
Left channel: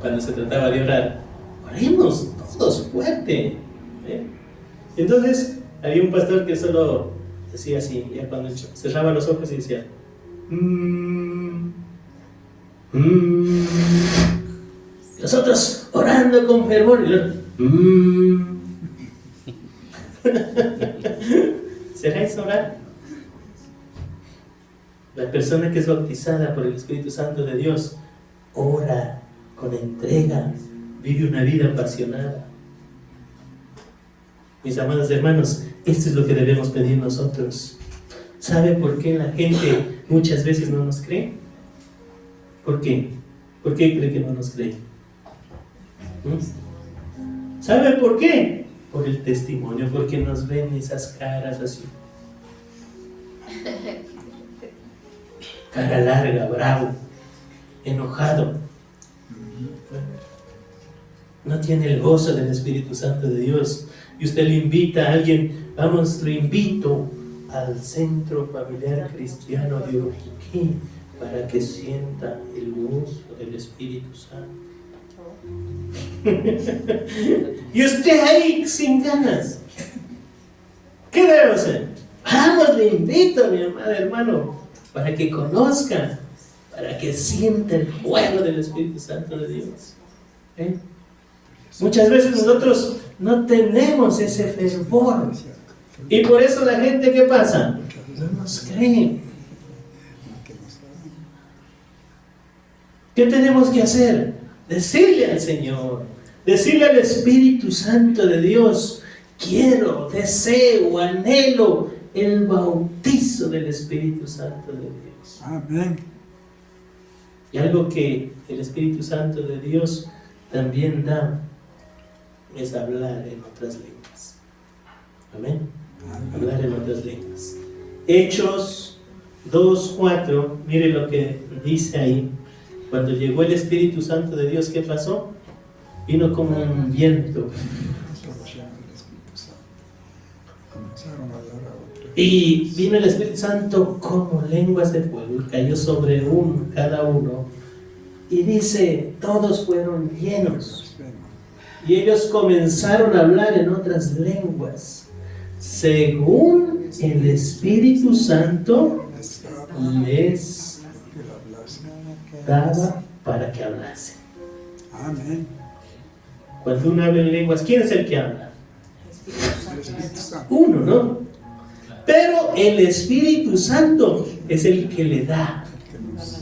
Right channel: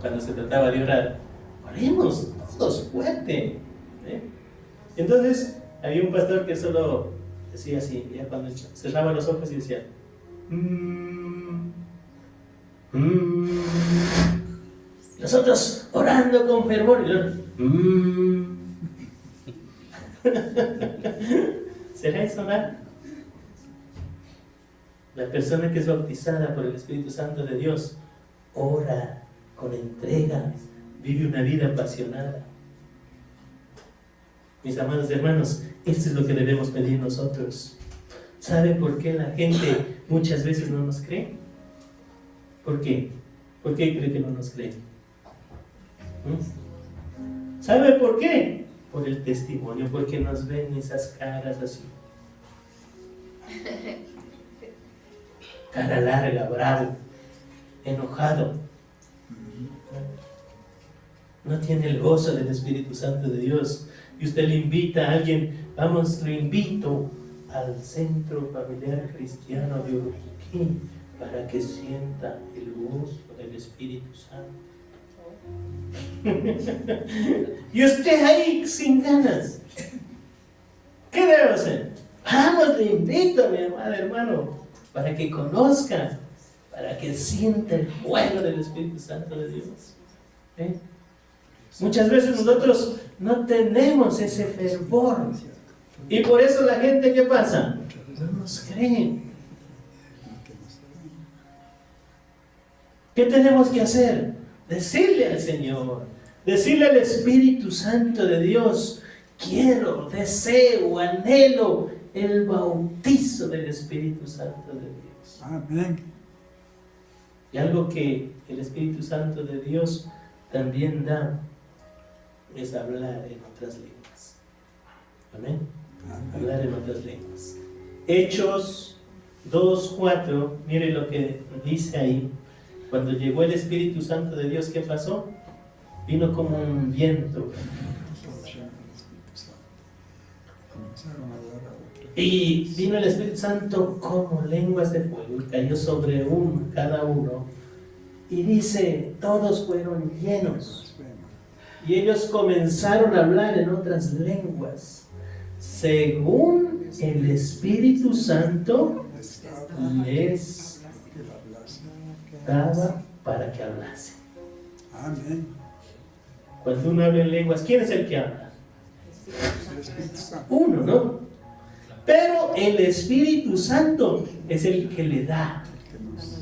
cuando se trataba de orar, oremos todos fuerte. Entonces había un pastor que solo decía así, ya cuando cerraba los ojos y decía los otros orando con fervor y yo, ¿será eso orar? La persona que es bautizada por el Espíritu Santo de Dios ora con entrega, vive una vida apasionada. Mis amados hermanos, esto es lo que debemos pedir nosotros. ¿Sabe por qué la gente muchas veces no nos cree? ¿Por qué? ¿Por qué cree que no nos cree? ¿Sabe por qué? Por el testimonio, porque nos ven esas caras así. Cara larga, bravo, enojado. No tiene el gozo del Espíritu Santo de Dios. Y usted le invita a alguien, vamos, lo invito al Centro Familiar Cristiano de Uruguay para que sienta el gozo del Espíritu Santo. Y usted ahí sin ganas. ¿Qué debe hacer? Vamos, le invito, mi amado hermano, para que conozca, para que sienta el fuego del Espíritu Santo de Dios. Muchas veces nosotros no tenemos ese fervor. Y por eso la gente, ¿qué pasa? No nos cree. ¿Qué tenemos que hacer? Decirle al Señor, decirle al Espíritu Santo de Dios, quiero, deseo, anhelo el bautizo del Espíritu Santo de Dios. Amén. Y algo que el Espíritu Santo de Dios también da es hablar en otras lenguas. Amén. Hablar en otras lenguas. Hechos 2:4, mire lo que dice ahí. Cuando llegó el Espíritu Santo de Dios, ¿qué pasó? Vino como un viento. Y vino el Espíritu Santo como lenguas de fuego y cayó sobre cada uno. Y dice, todos fueron llenos. Y ellos comenzaron a hablar en otras lenguas, según el Espíritu Santo les daba para que hablasen. Amén. Cuando uno habla en lenguas, ¿quién es el que habla? Uno, ¿no? Pero el Espíritu Santo es el que le da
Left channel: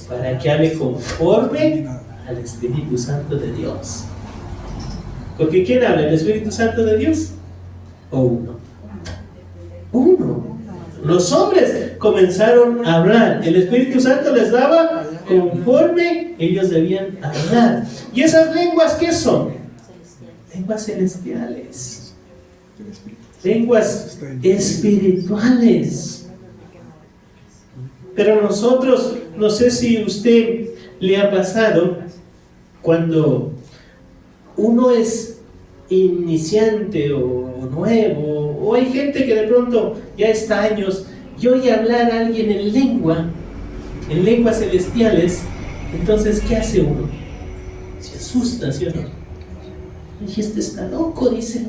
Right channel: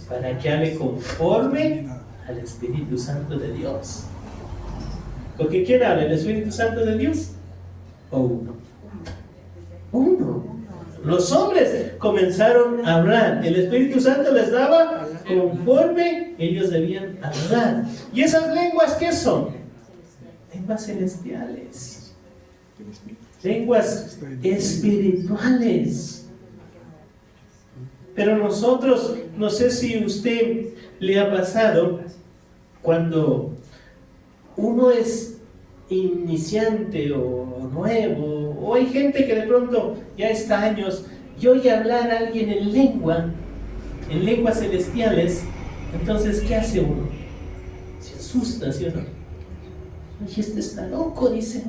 para que hable conforme al Espíritu Santo de Dios. Porque ¿quién habla? ¿El Espíritu Santo de Dios? ¿O uno? Uno. Los hombres comenzaron a hablar. El Espíritu Santo les daba conforme ellos debían hablar. ¿Y esas lenguas qué son? Lenguas celestiales. Lenguas espirituales. Pero nosotros, no sé si usted le ha pasado, cuando uno es iniciante o nuevo, o hay gente que de pronto ya está años, y oye hablar a alguien en lenguas celestiales, entonces ¿qué hace uno? Se asusta, ¿sí o no? Y este está loco, dice.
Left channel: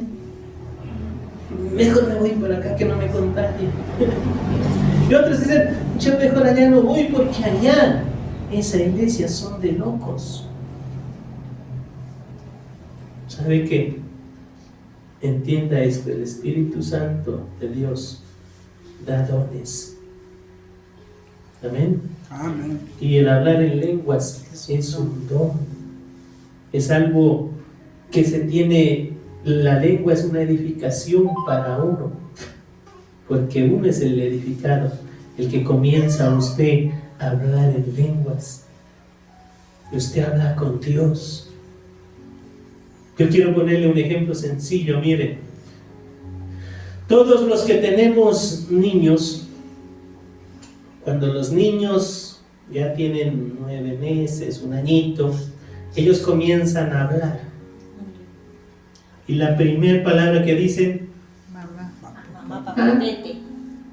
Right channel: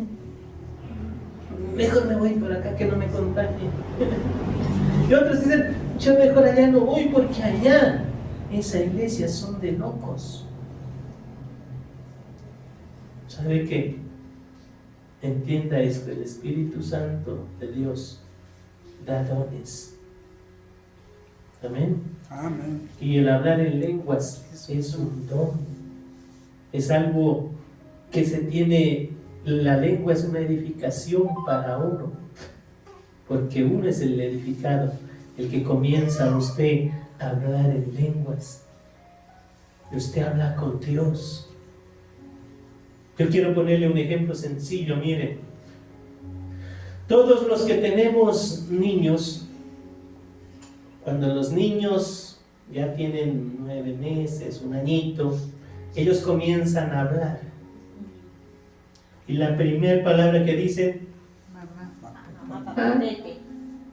Mejor me voy por acá que no me contagie. Y otros dicen, yo mejor allá no voy porque allá, esa iglesia son de locos. ¿Sabe qué? Entienda esto, el Espíritu Santo de Dios da dones. Amén. Amén. Y el hablar en lenguas es un don. Es algo que se tiene, la lengua es una edificación para uno. Porque uno es el edificado, el que comienza usted a hablar en lenguas. Usted habla con Dios. Yo quiero ponerle un ejemplo sencillo, mire. Todos los que tenemos niños, cuando los niños ya tienen 9 meses, 1 añito, ellos comienzan a hablar. Y la primera palabra que dicen, Mamá. Mamá, papá, tete.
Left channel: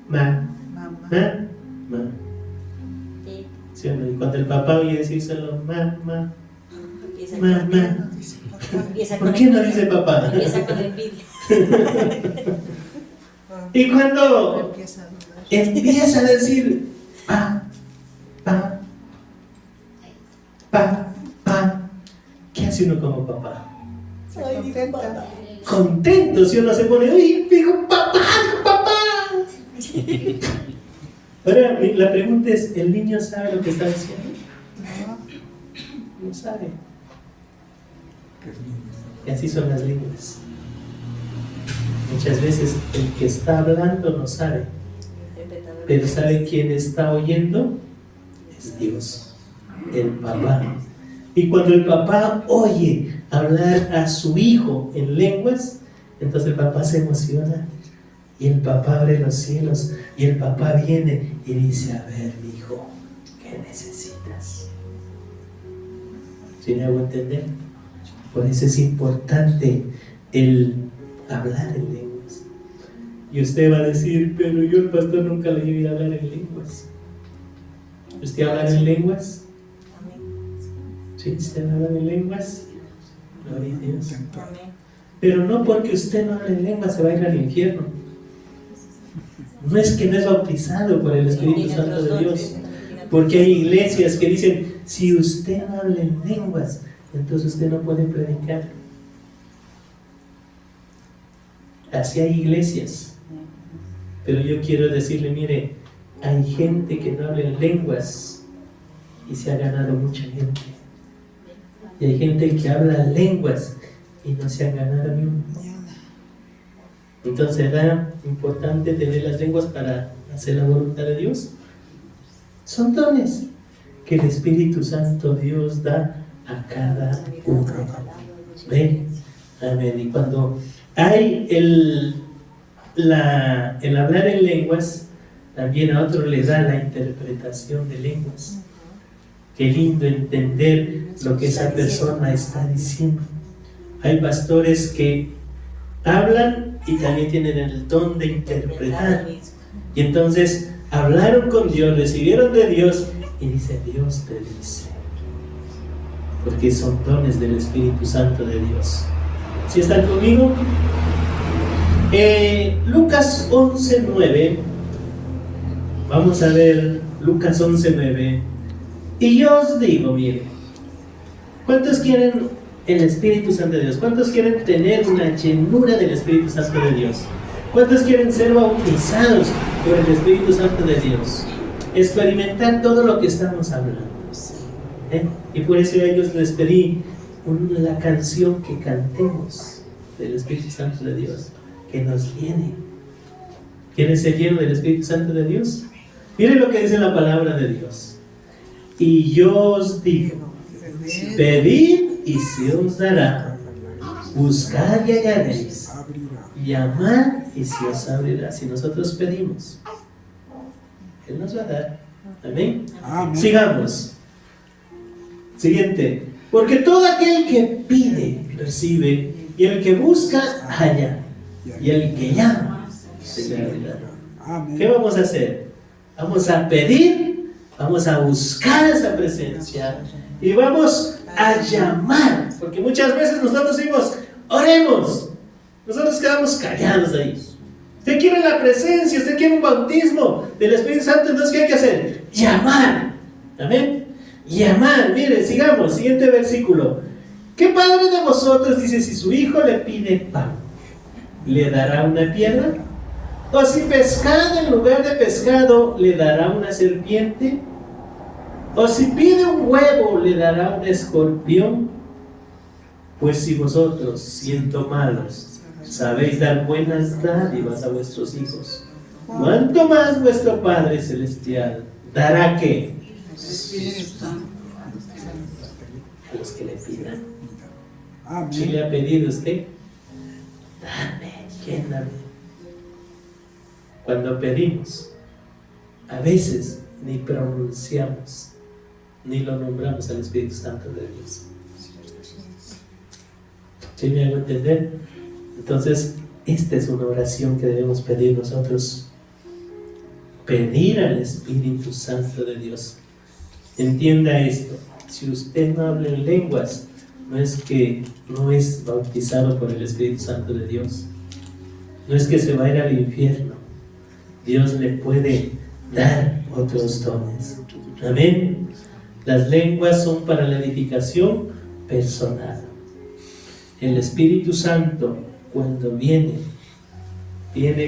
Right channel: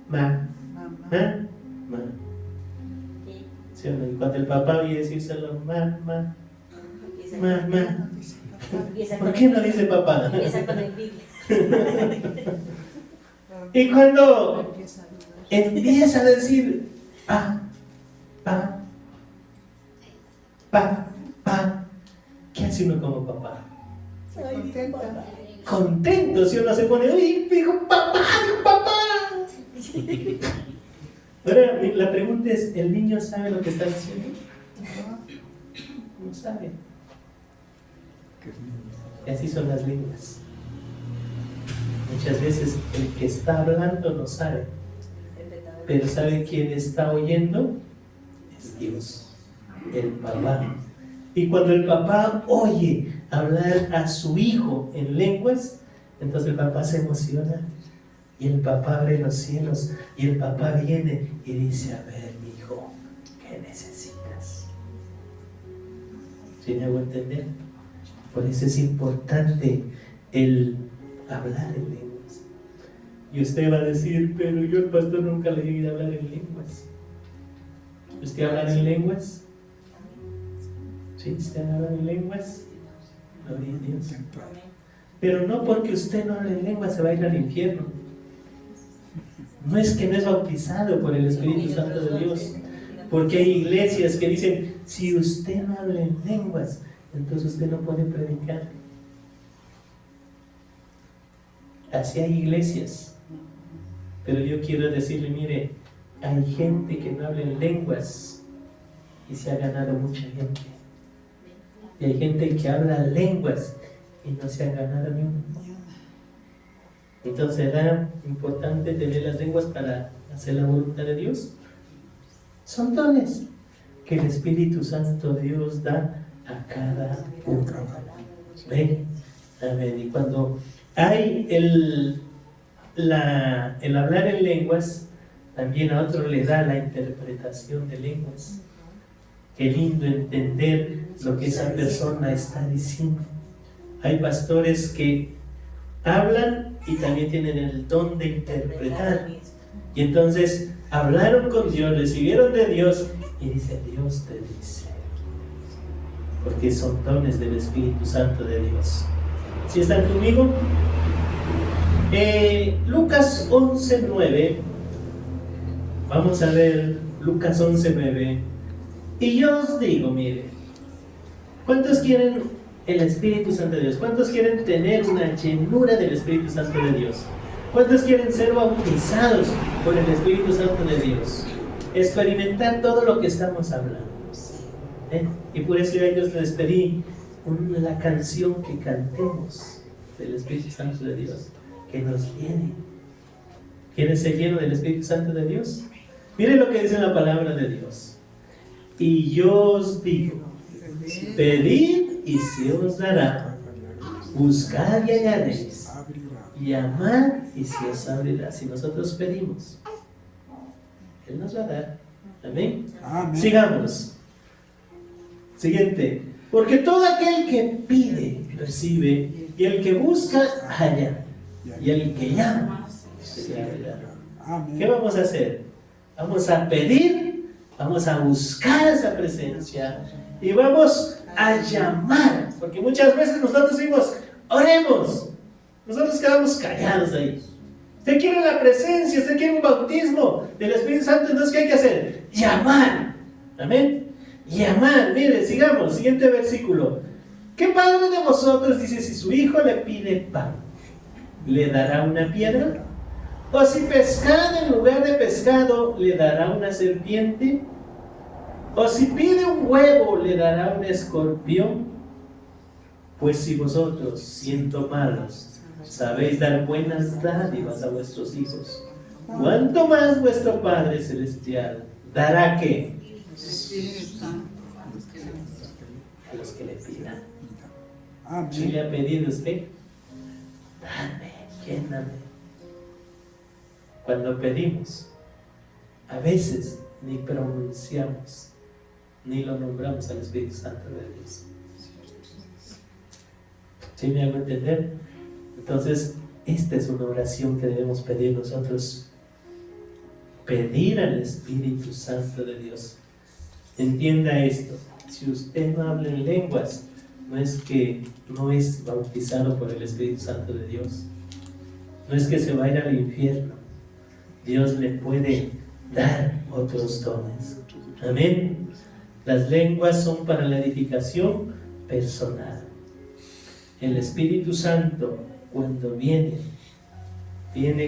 ma, Mamá. ma, ma. Tete. ¿Sí o no? Y cuando el papá oye decírselo, ma, ma, Empieza ma, con- ma. Dice papá. empieza ¿Por con qué no envidia. dice papá? Empieza con envidia. Y cuando Empieza a dudar. empieza a decir pa, pa, pa, pa, ¿qué hace uno como papá? Se contenta. Contento, si uno se pone, uy, dijo papá, dijo papá. Ahora, la pregunta es, ¿el niño sabe lo que está diciendo? No. No sabe. Y así son las lenguas. Muchas veces el que está hablando no sabe, pero ¿sabe quién está oyendo? Es Dios, el papá. Y cuando el papá oye hablar a su hijo en lenguas, entonces el papá se emociona y el papá abre los cielos y el papá viene y dice, a ver, mi hijo, ¿qué necesitas? ¿Sí me hago entender? Por eso es importante el hablar en lenguas. Y usted va a decir, pero yo el pastor nunca le llegué a hablar en lenguas. ¿Usted habla en lenguas? ¿Sí? ¿Usted habla en lenguas? Gloria a Dios. Pero no porque usted no hable en lenguas se va a ir al infierno. No es que no es bautizado por el Espíritu Santo de Dios. Porque hay iglesias que dicen, si usted no habla en lenguas, entonces usted no puede predicar. Así hay iglesias. Pero yo quiero decirle, mire, hay gente que no habla en lenguas y se ha ganado mucha gente. Y hay gente que habla lenguas y no se han ganado ni uno. Entonces era importante tener las lenguas para hacer la voluntad de Dios. Son dones que el Espíritu Santo Dios da a cada uno. ¿Ven? Amén. Y cuando hay el hablar en lenguas, también a otro le da la interpretación de lenguas. Qué lindo entender lo que esa persona está diciendo. Hay pastores que hablan y también tienen el don de interpretar. Y entonces hablaron con Dios, recibieron de Dios y dicen, Dios te dice. Porque son dones del Espíritu Santo de Dios. ¿Sí están conmigo? Lucas 11:9. Vamos a ver Lucas 11:9. Y yo os digo, mire, ¿cuántos quieren el Espíritu Santo de Dios? ¿Cuántos quieren tener una llenura del Espíritu Santo de Dios? ¿Cuántos quieren ser bautizados por el Espíritu Santo de Dios? Experimentar todo lo que estamos hablando. Y por eso a ellos les pedí la canción que cantemos del Espíritu Santo de Dios, que nos llene. ¿Quieren ser llenos del Espíritu Santo de Dios? Miren lo que dice la palabra de Dios. Y yo os digo, pedid y se os dará, buscad y hallaréis, llamad y se os abrirá. Si nosotros pedimos, Él nos va a dar. Amén. Sigamos. Siguiente. Porque todo aquel que pide, recibe, y el que busca, halla, y el que llama, se le abrirá. ¿Qué vamos a hacer? Vamos a pedir, vamos a buscar esa presencia y vamos a llamar, porque muchas veces nosotros decimos, oremos, nosotros quedamos callados ahí. Usted quiere la presencia, usted quiere un bautismo del Espíritu Santo, entonces ¿qué hay que hacer? Llamar. Amén. Llamar. Mire, sigamos, siguiente versículo. ¿Qué padre de vosotros, dice, si su hijo le pide pan, le dará una piedra? ¿O si pescado en lugar de pescado, le dará una serpiente? ¿O si pide un huevo, le dará un escorpión? Pues si vosotros, siendo malos, sabéis dar buenas dádivas a vuestros hijos, ¿cuánto más vuestro Padre Celestial dará qué? A los que le pidan. Si le ha pedido usted, dame, lléname. Cuando pedimos, a veces ni pronunciamos, ni lo nombramos al Espíritu Santo de Dios. ¿Sí me hago entender? Entonces, esta es una oración que debemos pedir nosotros. Pedir al Espíritu Santo de Dios. Entienda esto. Si usted no habla en lenguas, no es que no es bautizado por el Espíritu Santo de Dios. No es que se va a ir al infierno. Dios le puede dar otros dones. Amén. Las lenguas son para la edificación personal. El Espíritu Santo, cuando viene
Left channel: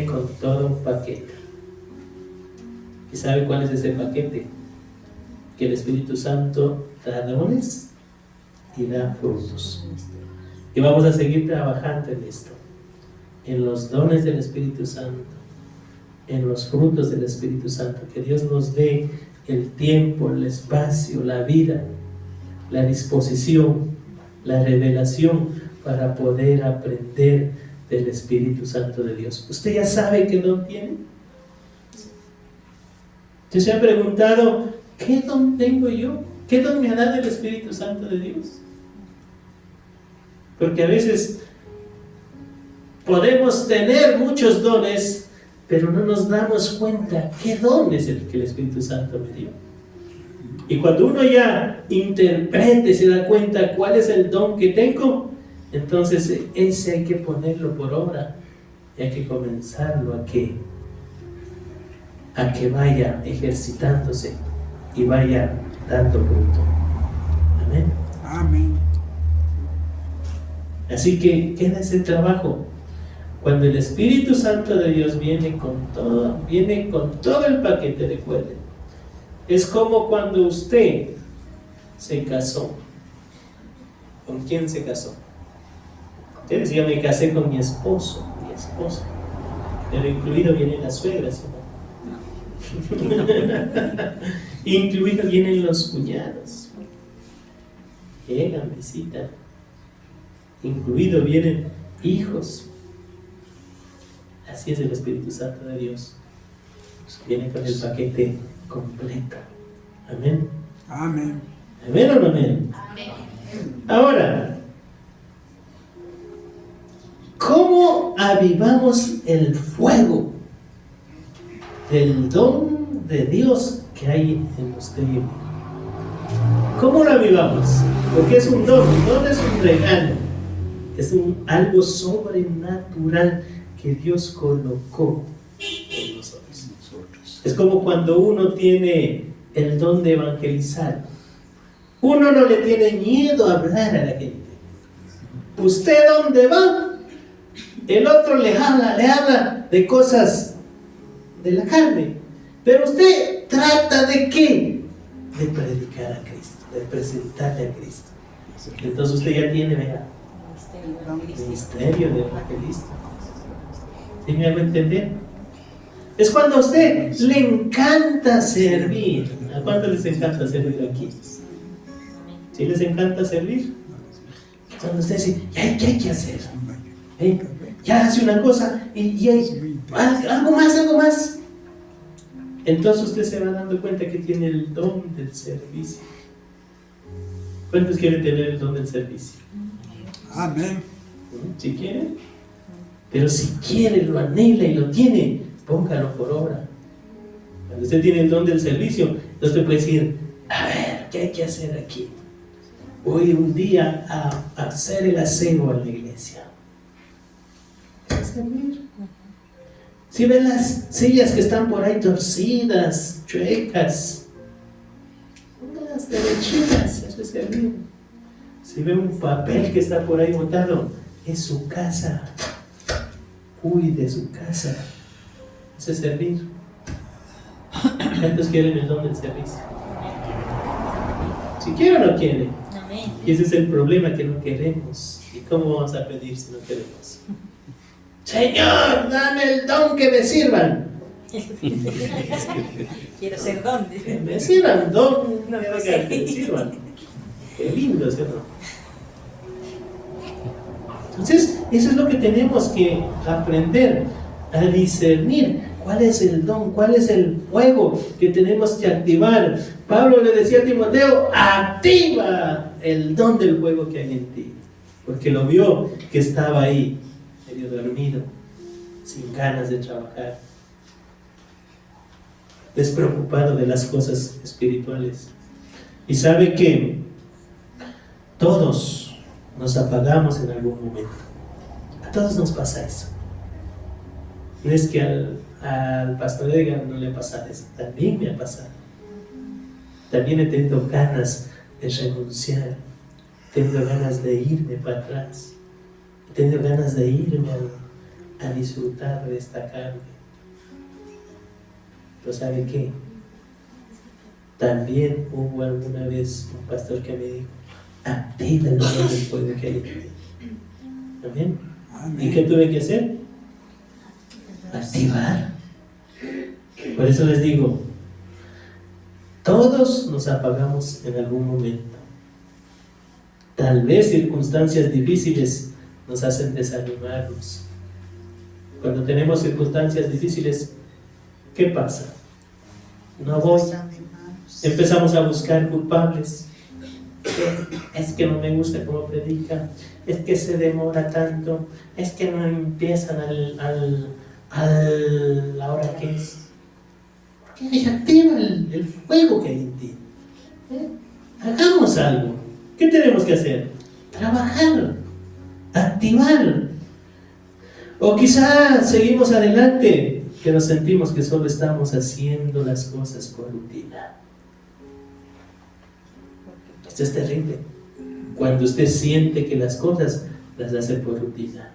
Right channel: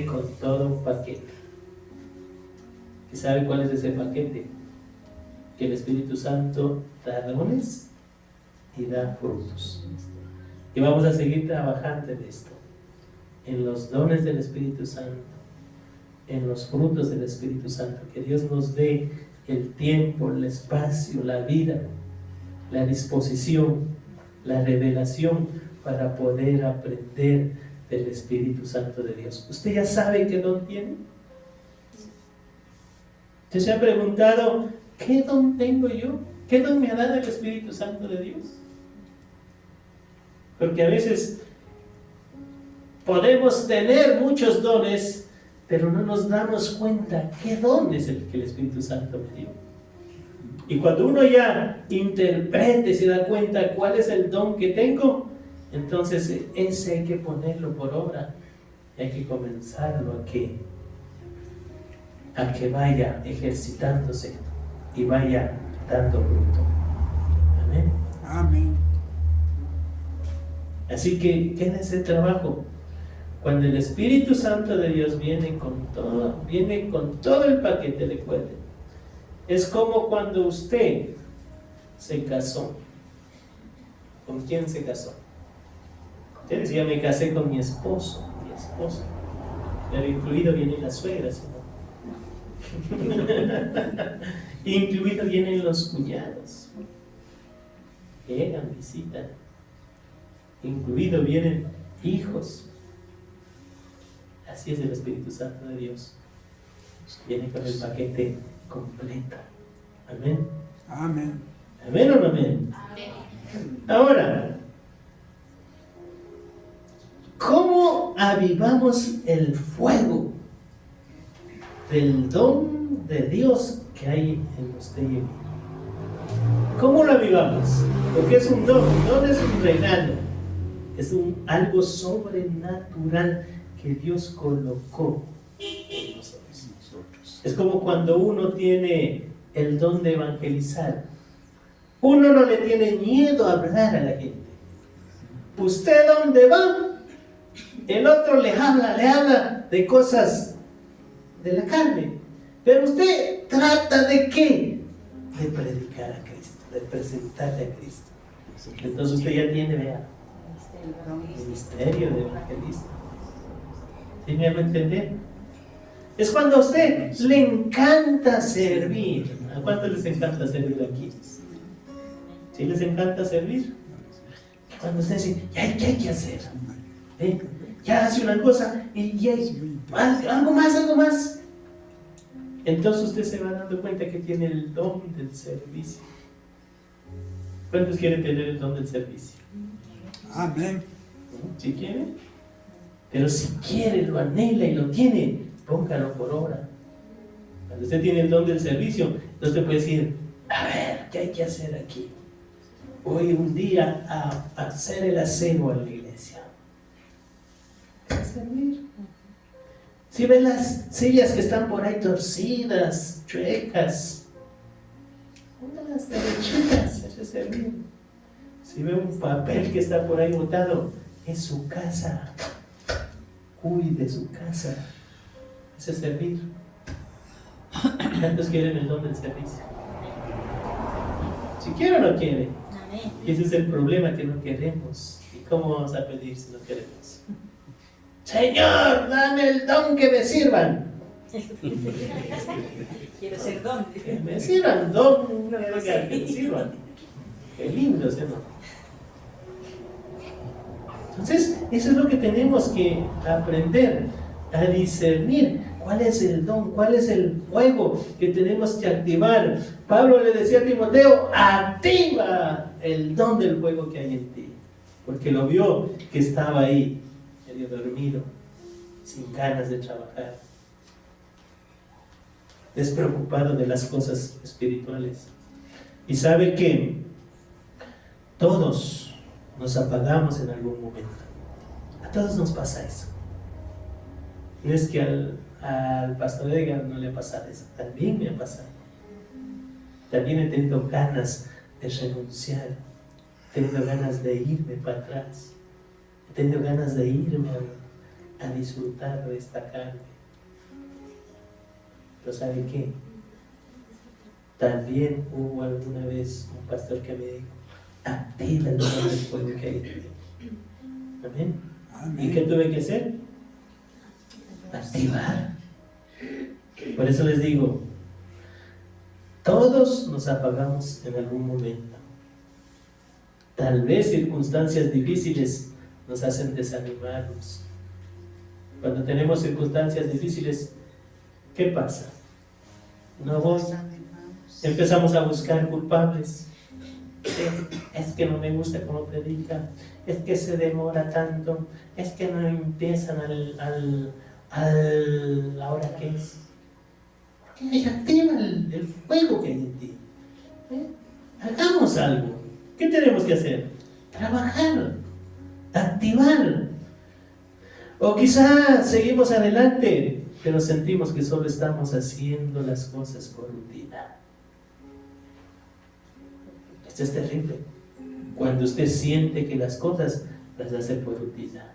con todo un paquete. ¿Y sabe cuál es ese paquete? Que el Espíritu Santo da dones y da frutos. Y vamos a seguir trabajando en esto, en los dones del Espíritu Santo, en los frutos del Espíritu Santo. Que Dios nos dé el tiempo, el espacio, la vida, la disposición, la revelación para poder aprender del Espíritu Santo de Dios. ¿Usted ya sabe qué don tiene? ¿Usted se ha preguntado, qué don tengo yo? ¿Qué don me ha dado el Espíritu Santo de Dios? Porque a veces podemos tener muchos dones, pero no nos damos cuenta qué don es el que el Espíritu Santo me dio. Y cuando uno ya interprete, se da cuenta cuál es el don que tengo, entonces ese hay que ponerlo por obra, hay que comenzarlo a que vaya ejercitándose y vaya dando fruto. Amén. Amén. Así que queda ese trabajo. Cuando el Espíritu Santo de Dios viene con todo el paquete, recuerden. Es como cuando usted se casó. ¿Con quién se casó? Usted decía, me casé con mi esposo, mi esposa. Pero incluido vienen las suegras, ¿no? Incluido vienen los cuñados. Llegan, visitan. Incluido vienen hijos. Así es el Espíritu Santo de Dios. Viene con el paquete completo. Amén. Amén. ¿Amén o no amén? Ahora, ¿cómo avivamos el fuego del don de Dios que hay en usted y en mí? ¿Cómo lo avivamos? Porque es un don. Un don es un regalo. Es algo sobrenatural que Dios colocó en nosotros. Es como cuando uno tiene el don de evangelizar. Uno no le tiene miedo a hablar a la gente. Usted dónde va, el otro le habla de cosas de la carne. Pero usted trata de ¿qué? De predicar a Cristo, de presentarle a Cristo. Entonces usted ya tiene, vea, ministerio de evangelista. ¿Sí me hago entender? Es cuando a usted le encanta servir. ¿A cuánto les encanta servir aquí? ¿Sí les encanta servir? Cuando usted dice, ¿qué hay que hacer? Ya hace una cosa y hay algo más. Entonces usted se va dando cuenta que tiene el don del servicio. ¿Cuántos quieren tener el don del servicio? Amén. ¿Sí quieren? Pero si quiere, lo anhela y lo tiene, póngalo por obra. Cuando usted tiene el don del servicio, entonces usted puede decir, a ver, ¿qué hay que hacer aquí? Voy un día a hacer el aseo en la iglesia. A servir. Si ven las sillas que están por ahí torcidas, chuecas, póngalas derechitas, eso es servir. Si ve un papel que está por ahí botado, es su casa. Cuide su casa. Eso es servir. ¿Cuántos quieren el don del servicio? Si quieren o no quieren. Amén. Y ese es el problema, que no queremos. ¿Y cómo vamos a pedir si no queremos? Señor, dame el don que me sirvan. Quiero ser don. Que me sirvan, don, No, quiero no sé. que me sirvan. Qué lindo, ¿sí o no? Entonces, eso es lo que tenemos que aprender a discernir. ¿Cuál es el don? ¿Cuál es el fuego que tenemos que activar? Pablo le decía a Timoteo, activa el don del fuego que hay en ti. Porque lo vio que estaba ahí, medio dormido, sin ganas de trabajar, despreocupado de las cosas espirituales. Y sabe que todos nos apagamos en algún momento. A todos nos pasa eso. No es que al pastor Edgar no le ha pasado eso, también me ha pasado. También he tenido ganas de renunciar, he tenido ganas de irme para atrás, he tenido ganas de irme a disfrutar de esta carne. Pero ¿sabe qué? También hubo alguna vez un pastor que me dijo, activa el don del fuego que hay en ti. ¿Amén? ¿Y qué tuve que hacer? Activar. Por eso les digo, todos nos apagamos en algún momento. Tal vez circunstancias difíciles nos hacen desanimarnos. Cuando tenemos circunstancias difíciles, ¿qué pasa? No voy. Empezamos a buscar culpables. Es que no me gusta cómo predica, es que se demora tanto, es que no empiezan a la hora que es. Porque activa el fuego que hay en ti. Hagamos algo. ¿Qué tenemos que hacer? Trabajar, activar. O quizá seguimos adelante, pero sentimos que solo estamos haciendo las cosas por rutina. Esto es terrible. Cuando usted siente que las cosas las hace por rutina.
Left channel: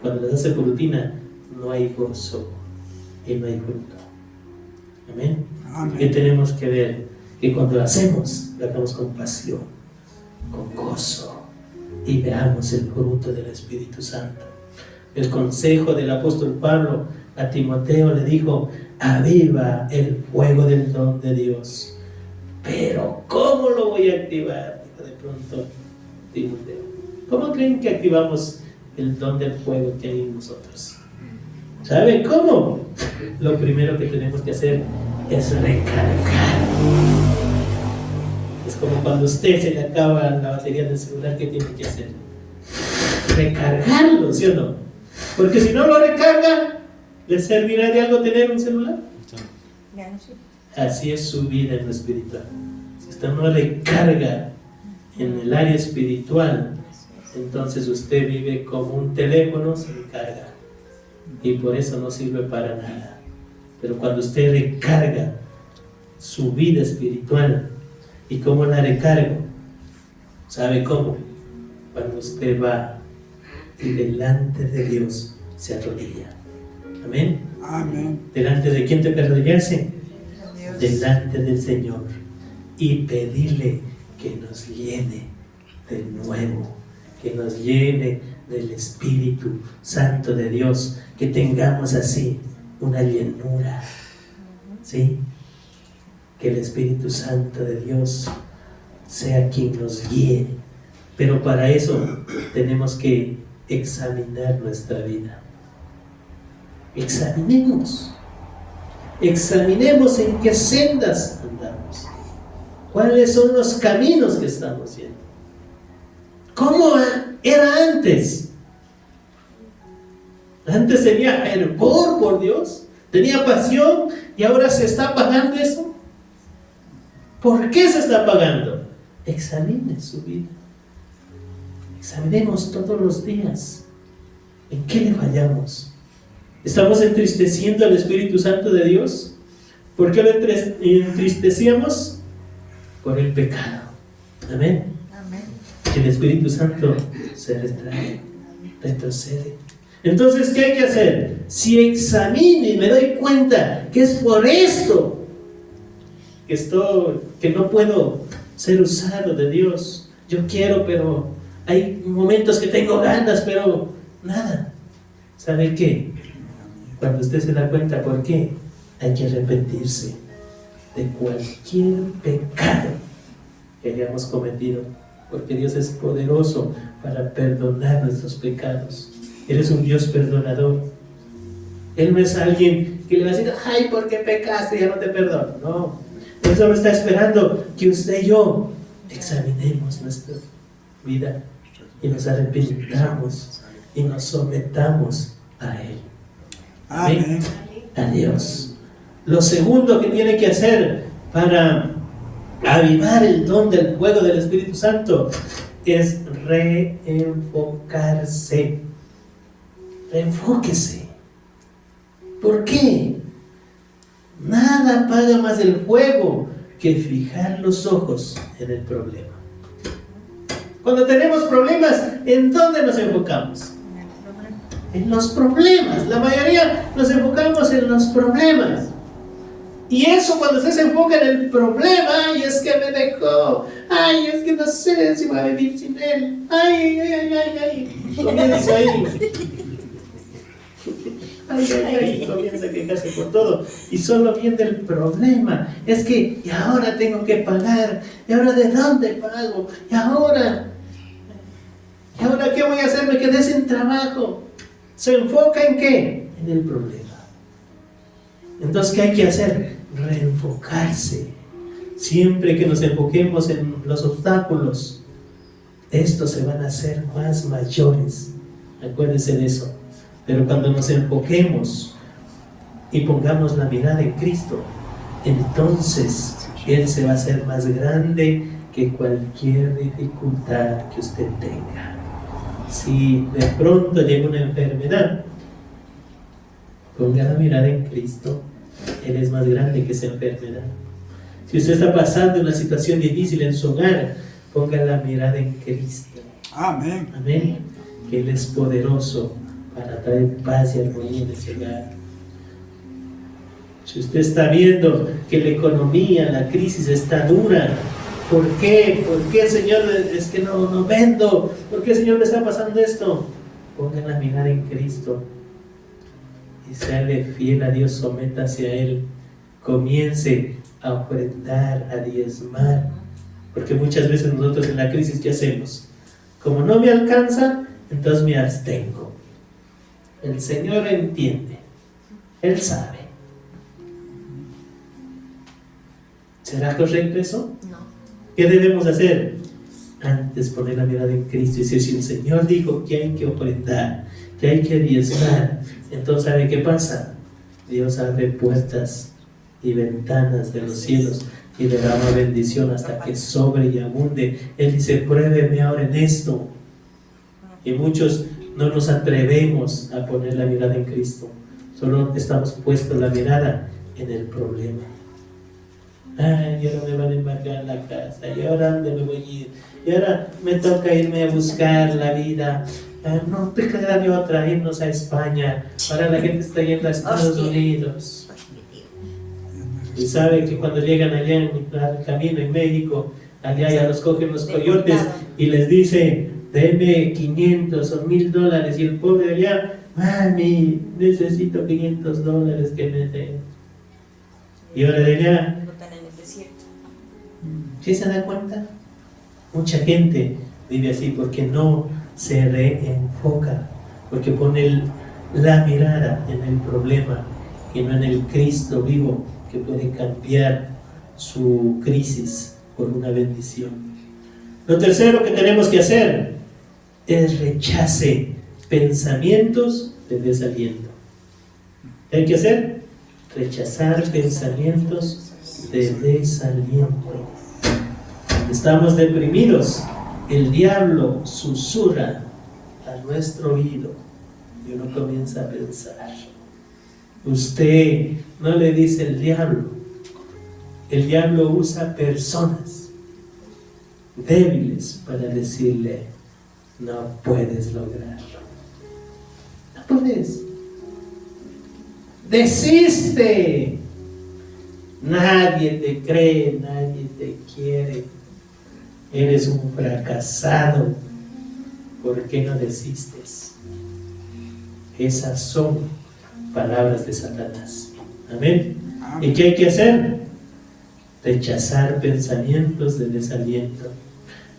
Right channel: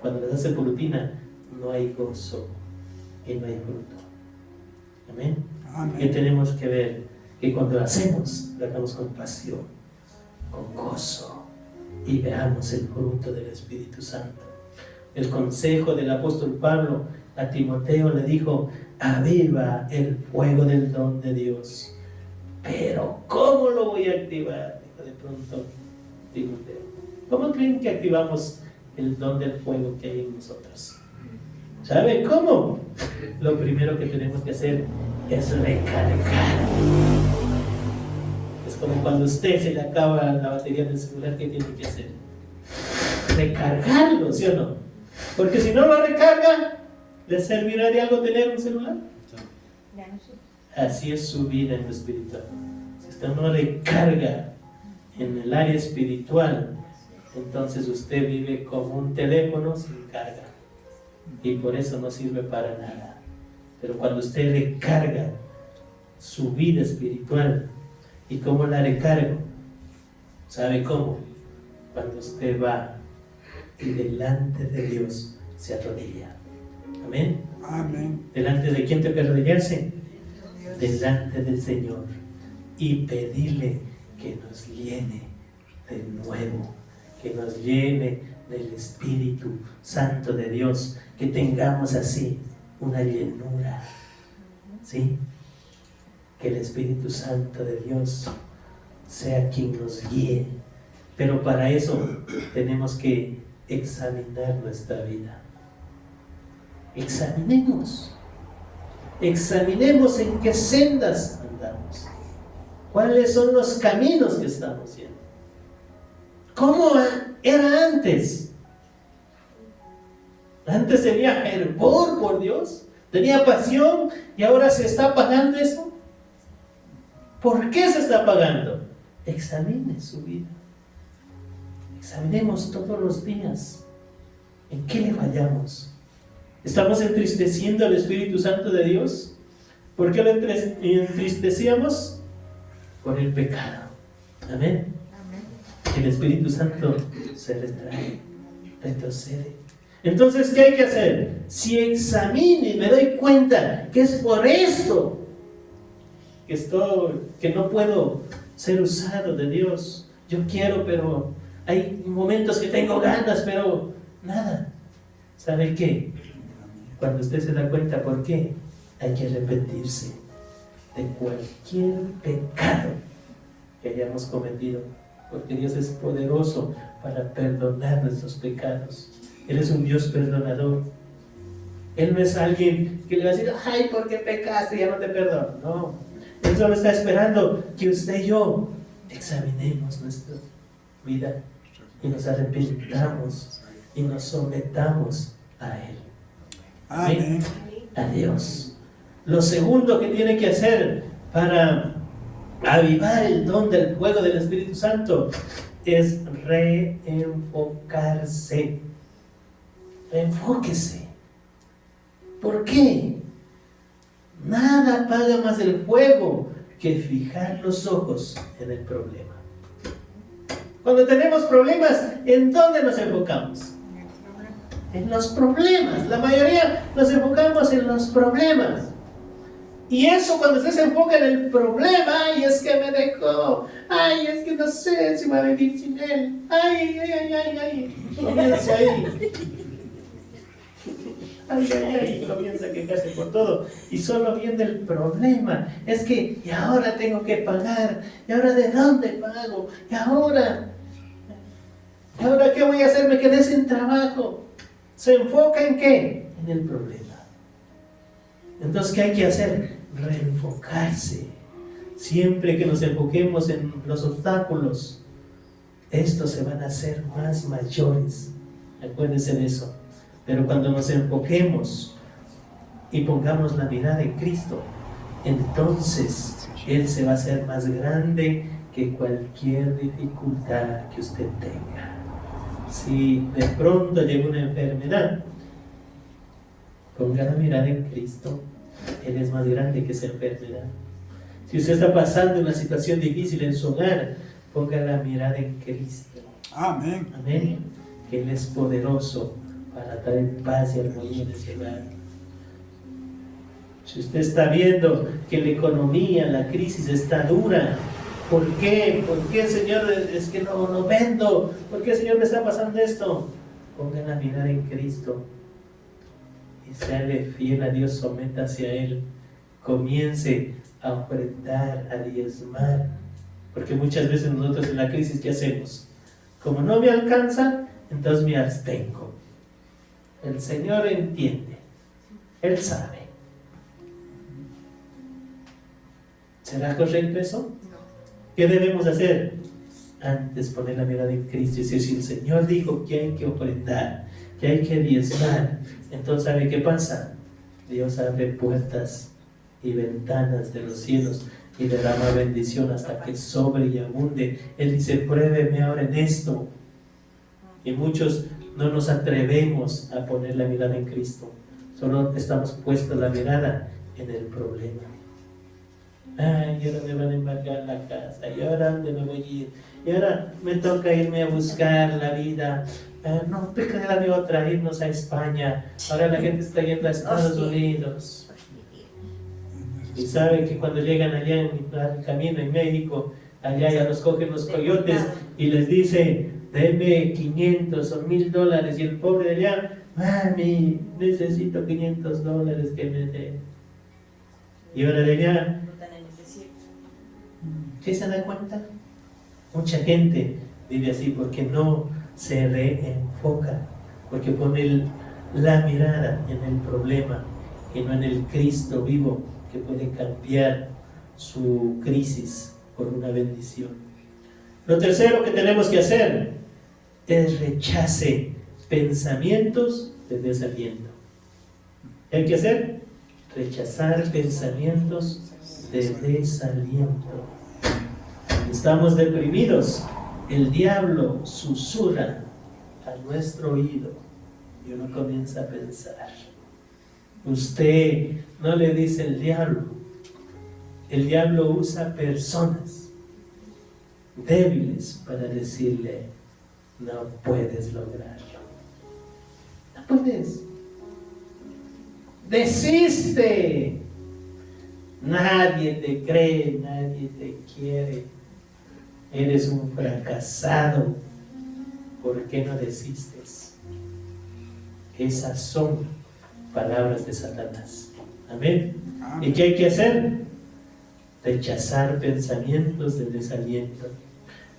Cuando las hace por rutina, no hay gozo y no hay fruto. Amén. ¿Qué tenemos que ver? Que cuando lo hacemos, lo hagamos con pasión, con gozo, y veamos el fruto del Espíritu Santo. El consejo del apóstol Pablo a Timoteo le dijo, aviva el fuego del don de Dios. Pero ¿cómo lo voy a activar? Dijo de pronto Timoteo. ¿Cómo creen que activamos el don del fuego que hay en nosotros? ¿Sabe cómo? Lo primero que tenemos que hacer es recargar. Es como cuando a usted se le acaba la batería del celular, ¿qué tiene que hacer? Recargarlo, ¿sí o no? Porque si no lo recarga, ¿le servirá de algo tener un celular? Así es su vida en lo espiritual. Si usted no recarga en el área espiritual, entonces usted vive como un teléfono sin carga, y por eso no sirve para nada. Pero cuando usted recarga su vida espiritual, ¿y cómo la recargo? ¿Sabe cómo? Cuando usted va y delante de Dios se arrodilla. Amén. Amén. ¿Delante de quién tengo que arrodillarse? Dios. Delante del Señor y pedirle que nos llene de nuevo, que nos llene del Espíritu Santo de Dios, que tengamos así una llenura, ¿sí? Que el Espíritu Santo de Dios sea quien nos guíe, pero para eso tenemos que examinar nuestra vida. Examinemos en qué sendas andamos, cuáles son los caminos que estamos yendo, cómo era antes. Antes tenía fervor por Dios, tenía pasión, y ahora se está apagando eso. ¿Por qué se está apagando? Examine su vida. Examinemos todos los días en qué le fallamos. ¿Estamos entristeciendo al Espíritu Santo de Dios? ¿Por qué lo entristecíamos? Por el pecado. Amén. Amén. El Espíritu Santo se retrae, retrocede. Entonces, ¿qué hay que hacer? Si examino y me doy cuenta que es por esto que no puedo ser usado de Dios. Yo quiero, pero hay momentos que tengo ganas, pero nada. ¿Sabe qué? Cuando usted se da cuenta por qué, hay que arrepentirse de cualquier pecado que hayamos cometido, porque Dios es poderoso para perdonar nuestros pecados. Él es un Dios perdonador. Él no es alguien que le va a decir, ay, ¿por qué pecaste? Ya no te perdono. No, Él solo está esperando que usted y yo examinemos nuestra vida y nos arrepintamos y nos sometamos a Él. Amén. A Dios. Lo segundo que tiene que hacer para avivar el don del fuego del Espíritu Santo es reenfocarse. Reenfóquese. ¿Por qué? Nada apaga más el fuego que fijar los ojos en el problema. Cuando tenemos problemas, ¿en dónde nos enfocamos? En los problemas. La mayoría nos enfocamos en los problemas. Y eso, cuando usted se enfoca en el problema, ay, es que me dejó, ay, es que no sé si voy a vivir sin él, ay, ay, ay, ay, ay, comienza ahí. Ay, ay, ay, comienza a quejarse por todo y solo viene el problema. Es que, y ahora tengo que pagar, y ahora ¿de dónde pago? Y ahora ¿qué voy a hacer? Me quedé sin trabajo. ¿Se enfoca en qué? En el problema. Entonces, ¿qué hay que hacer? Reenfocarse. Siempre que nos enfoquemos en los obstáculos, estos se van a hacer más mayores. Acuérdense de eso. Pero cuando nos enfoquemos y pongamos la mirada en Cristo, entonces Él se va a hacer más grande que cualquier dificultad que usted tenga. Si de pronto llega una enfermedad, ponga la mirada en Cristo. Él es más grande que esa enfermedad. Si usted está pasando una situación difícil en su hogar, ponga la mirada en Cristo. Amén. Amén. Que Él es poderoso para traer paz y armonía en ese hogar. Si usted está viendo que la economía, la crisis está dura, ¿por qué? ¿Por qué, Señor, es que no vendo? ¿Por qué, Señor, me está pasando esto? Ponga la mirada en Cristo y séale fiel a Dios, sométase a Él, comience a ofrendar, a diezmar, porque muchas veces nosotros en la crisis, ¿qué hacemos? Como no me alcanza, entonces me abstengo. El Señor entiende, Él sabe. ¿Será correcto eso? No. ¿Qué debemos hacer? Antes poner la mirada en Cristo y decir, si el Señor dijo que hay que ofrendar, que hay que diezmar, entonces ¿sabe qué pasa? Dios abre puertas y ventanas de los cielos y derrama bendición hasta que sobre y abunde. Él dice, pruébeme ahora en esto. Y muchos no nos atrevemos a poner la mirada en Cristo, solo estamos puestos la mirada en el problema. Ay, y ahora me van a embargar la casa, y ahora ¿dónde me voy a ir? Y ahora me toca irme a buscar la vida, No, peca de otra, irnos a España. Ahora la gente está yendo a Estados Hostia. Unidos. Y saben que cuando llegan allá en el camino en México, allá ya los cogen los coyotes y les dice, denme 500 o $1000. Y el pobre de allá, mami, necesito $500 que me den. Y ahora de allá, Botan en el desierto. ¿sí se da cuenta? Mucha gente vive así porque no se reenfoca, porque pone la mirada en el problema y no en el Cristo vivo que puede cambiar su crisis por una bendición. Lo tercero que tenemos que hacer es rechace pensamientos de desaliento. ¿Qué hay que hacer? Rechazar pensamientos de desaliento. Estamos deprimidos, el diablo susurra a nuestro oído y uno comienza a pensar. Usted no le dice el diablo usa personas débiles para decirle, no puedes lograrlo, no puedes, desiste, nadie te cree, nadie te quiere, eres un fracasado, ¿por qué no desistes? Esas son palabras de Satanás. Amén. ¿Y qué hay que hacer? Rechazar pensamientos de desaliento.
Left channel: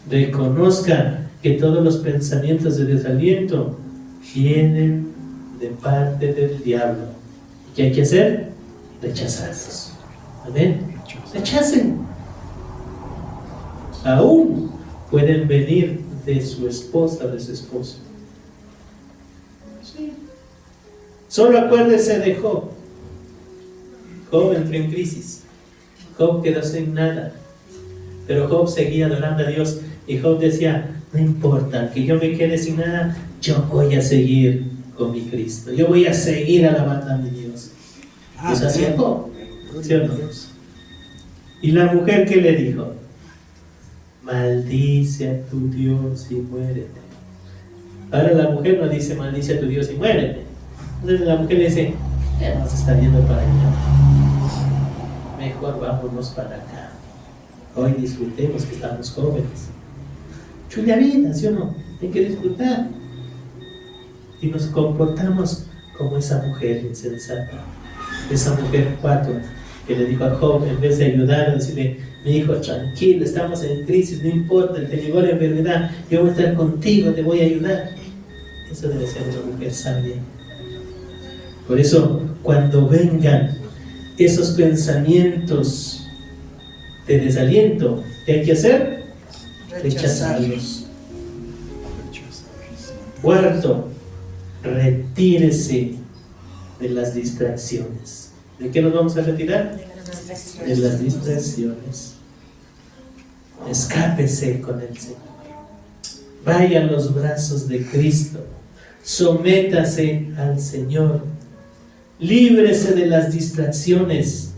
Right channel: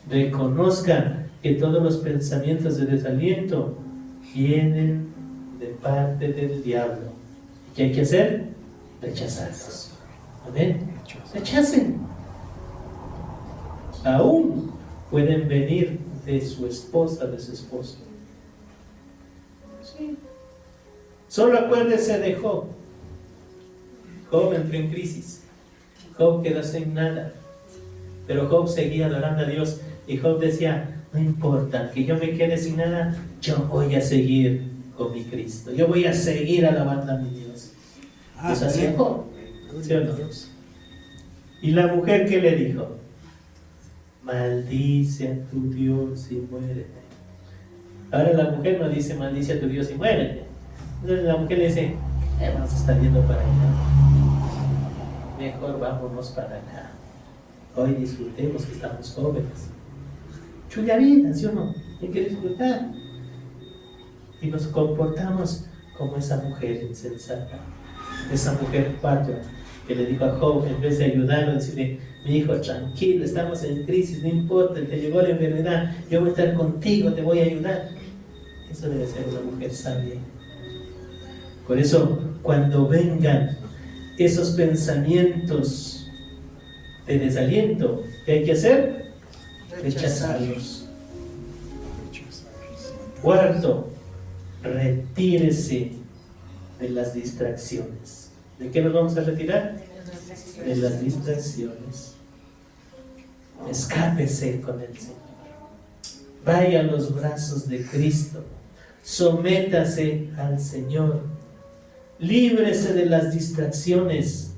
Reconozca que todos los pensamientos de desaliento vienen de parte del diablo. ¿Y qué hay que hacer? Rechazarlos. Amén. Rechacen. Aún pueden venir de su esposa, de su esposo. Sí. Solo acuérdese de Job. Job entró en crisis. Job quedó sin nada. Pero Job seguía adorando a Dios. Y Job decía, no importa, que yo me quede sin nada, yo voy a seguir con mi Cristo. Yo voy a seguir alabando a mi Dios. Eso hacía Job. ¿Sí o no? Y la mujer, ¿qué le dijo? Maldice a tu Dios y muérete. Ahora la mujer no dice maldice a tu Dios y muérete. Entonces la mujer le dice, vamos a estar yendo para allá. Mejor vámonos para acá. Hoy disfrutemos que estamos jóvenes. Chula vida, ¿sí o no? Hay que disfrutar. Y nos comportamos como esa mujer insensata. Esa mujer patua que le dijo a Job, en vez de ayudarlo, decirle, mi hijo, tranquilo, estamos en crisis, no importa, te llegó la enfermedad, yo voy a estar contigo, te voy a ayudar. Eso debe ser una mujer sabia. Por eso, cuando vengan esos pensamientos de desaliento, ¿qué hay que hacer? Rechazarlos. Cuarto, retírese de las distracciones. ¿De qué nos vamos a retirar? De las distracciones. Escápese con el Señor. Vaya a los brazos de Cristo. Sométase al Señor. Líbrese de las distracciones.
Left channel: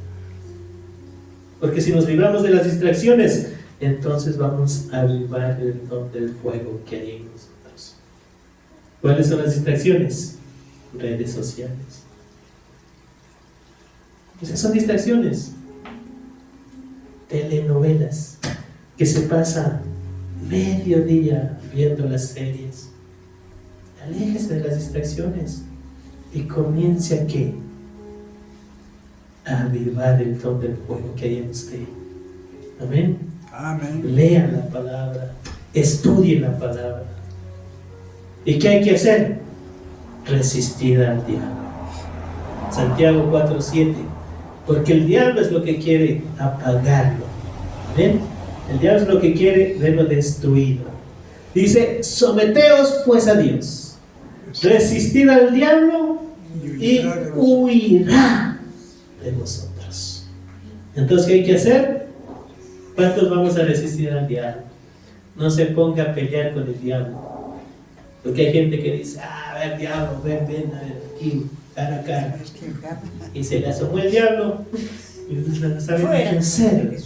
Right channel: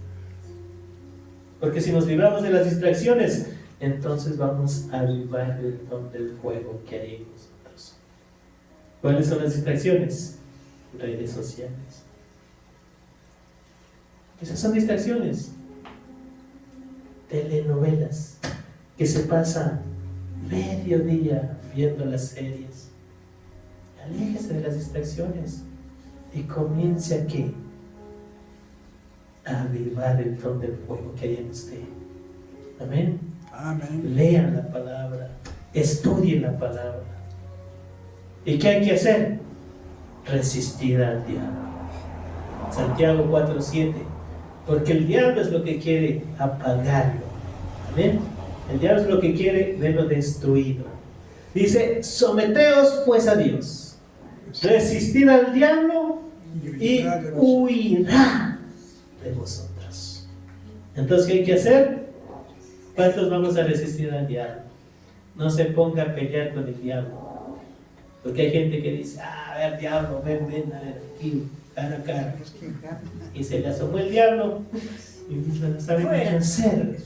Porque si nos libramos de las distracciones, entonces vamos a avivar el don del fuego que hay en nosotros. ¿Cuáles son las distracciones? Redes sociales. Esas son distracciones. Telenovelas, que se pasa medio día viendo las series. Aléjese de las distracciones y comience a ¿qué? A avivar el don del fuego que hay en usted. Amén. Amén. Lea la palabra, estudie la palabra. ¿Y qué hay que hacer? Resistir al diablo. Santiago 4:7. Porque el diablo es lo que quiere apagarlo. ¿Amén? El diablo es lo que quiere verlo destruido. Dice, someteos pues a Dios. Resistid al diablo y huirá de vosotros. Entonces, ¿qué hay que hacer? ¿Cuántos vamos a resistir al diablo? No se ponga a pelear con el diablo. Porque hay gente que dice, a ver diablo, ven, a ver, aquí, cara a cara. Y se le asomó el diablo y no sabe qué hacer.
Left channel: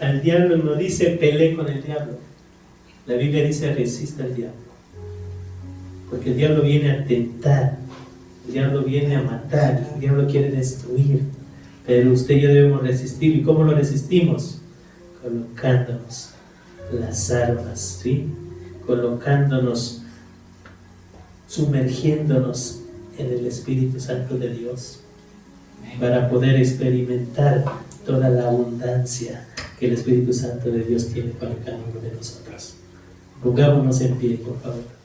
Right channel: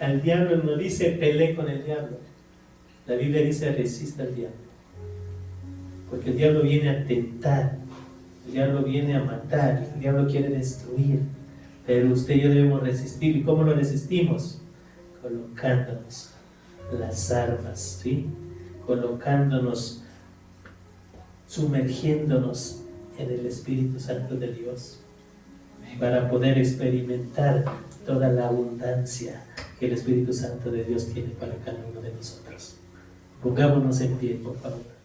Al diablo no dice peleé con el diablo. La Biblia dice: resista al diablo. Porque el diablo viene a tentar, el diablo viene a matar, el diablo quiere destruir. Pero usted y yo debemos resistir. ¿Y cómo lo resistimos? Colocándonos las armas, ¿sí? Colocándonos, sumergiéndonos en el Espíritu Santo de Dios, para poder experimentar toda la abundancia que el Espíritu Santo de Dios tiene para cada uno de nosotros. Pongámonos en pie, por favor.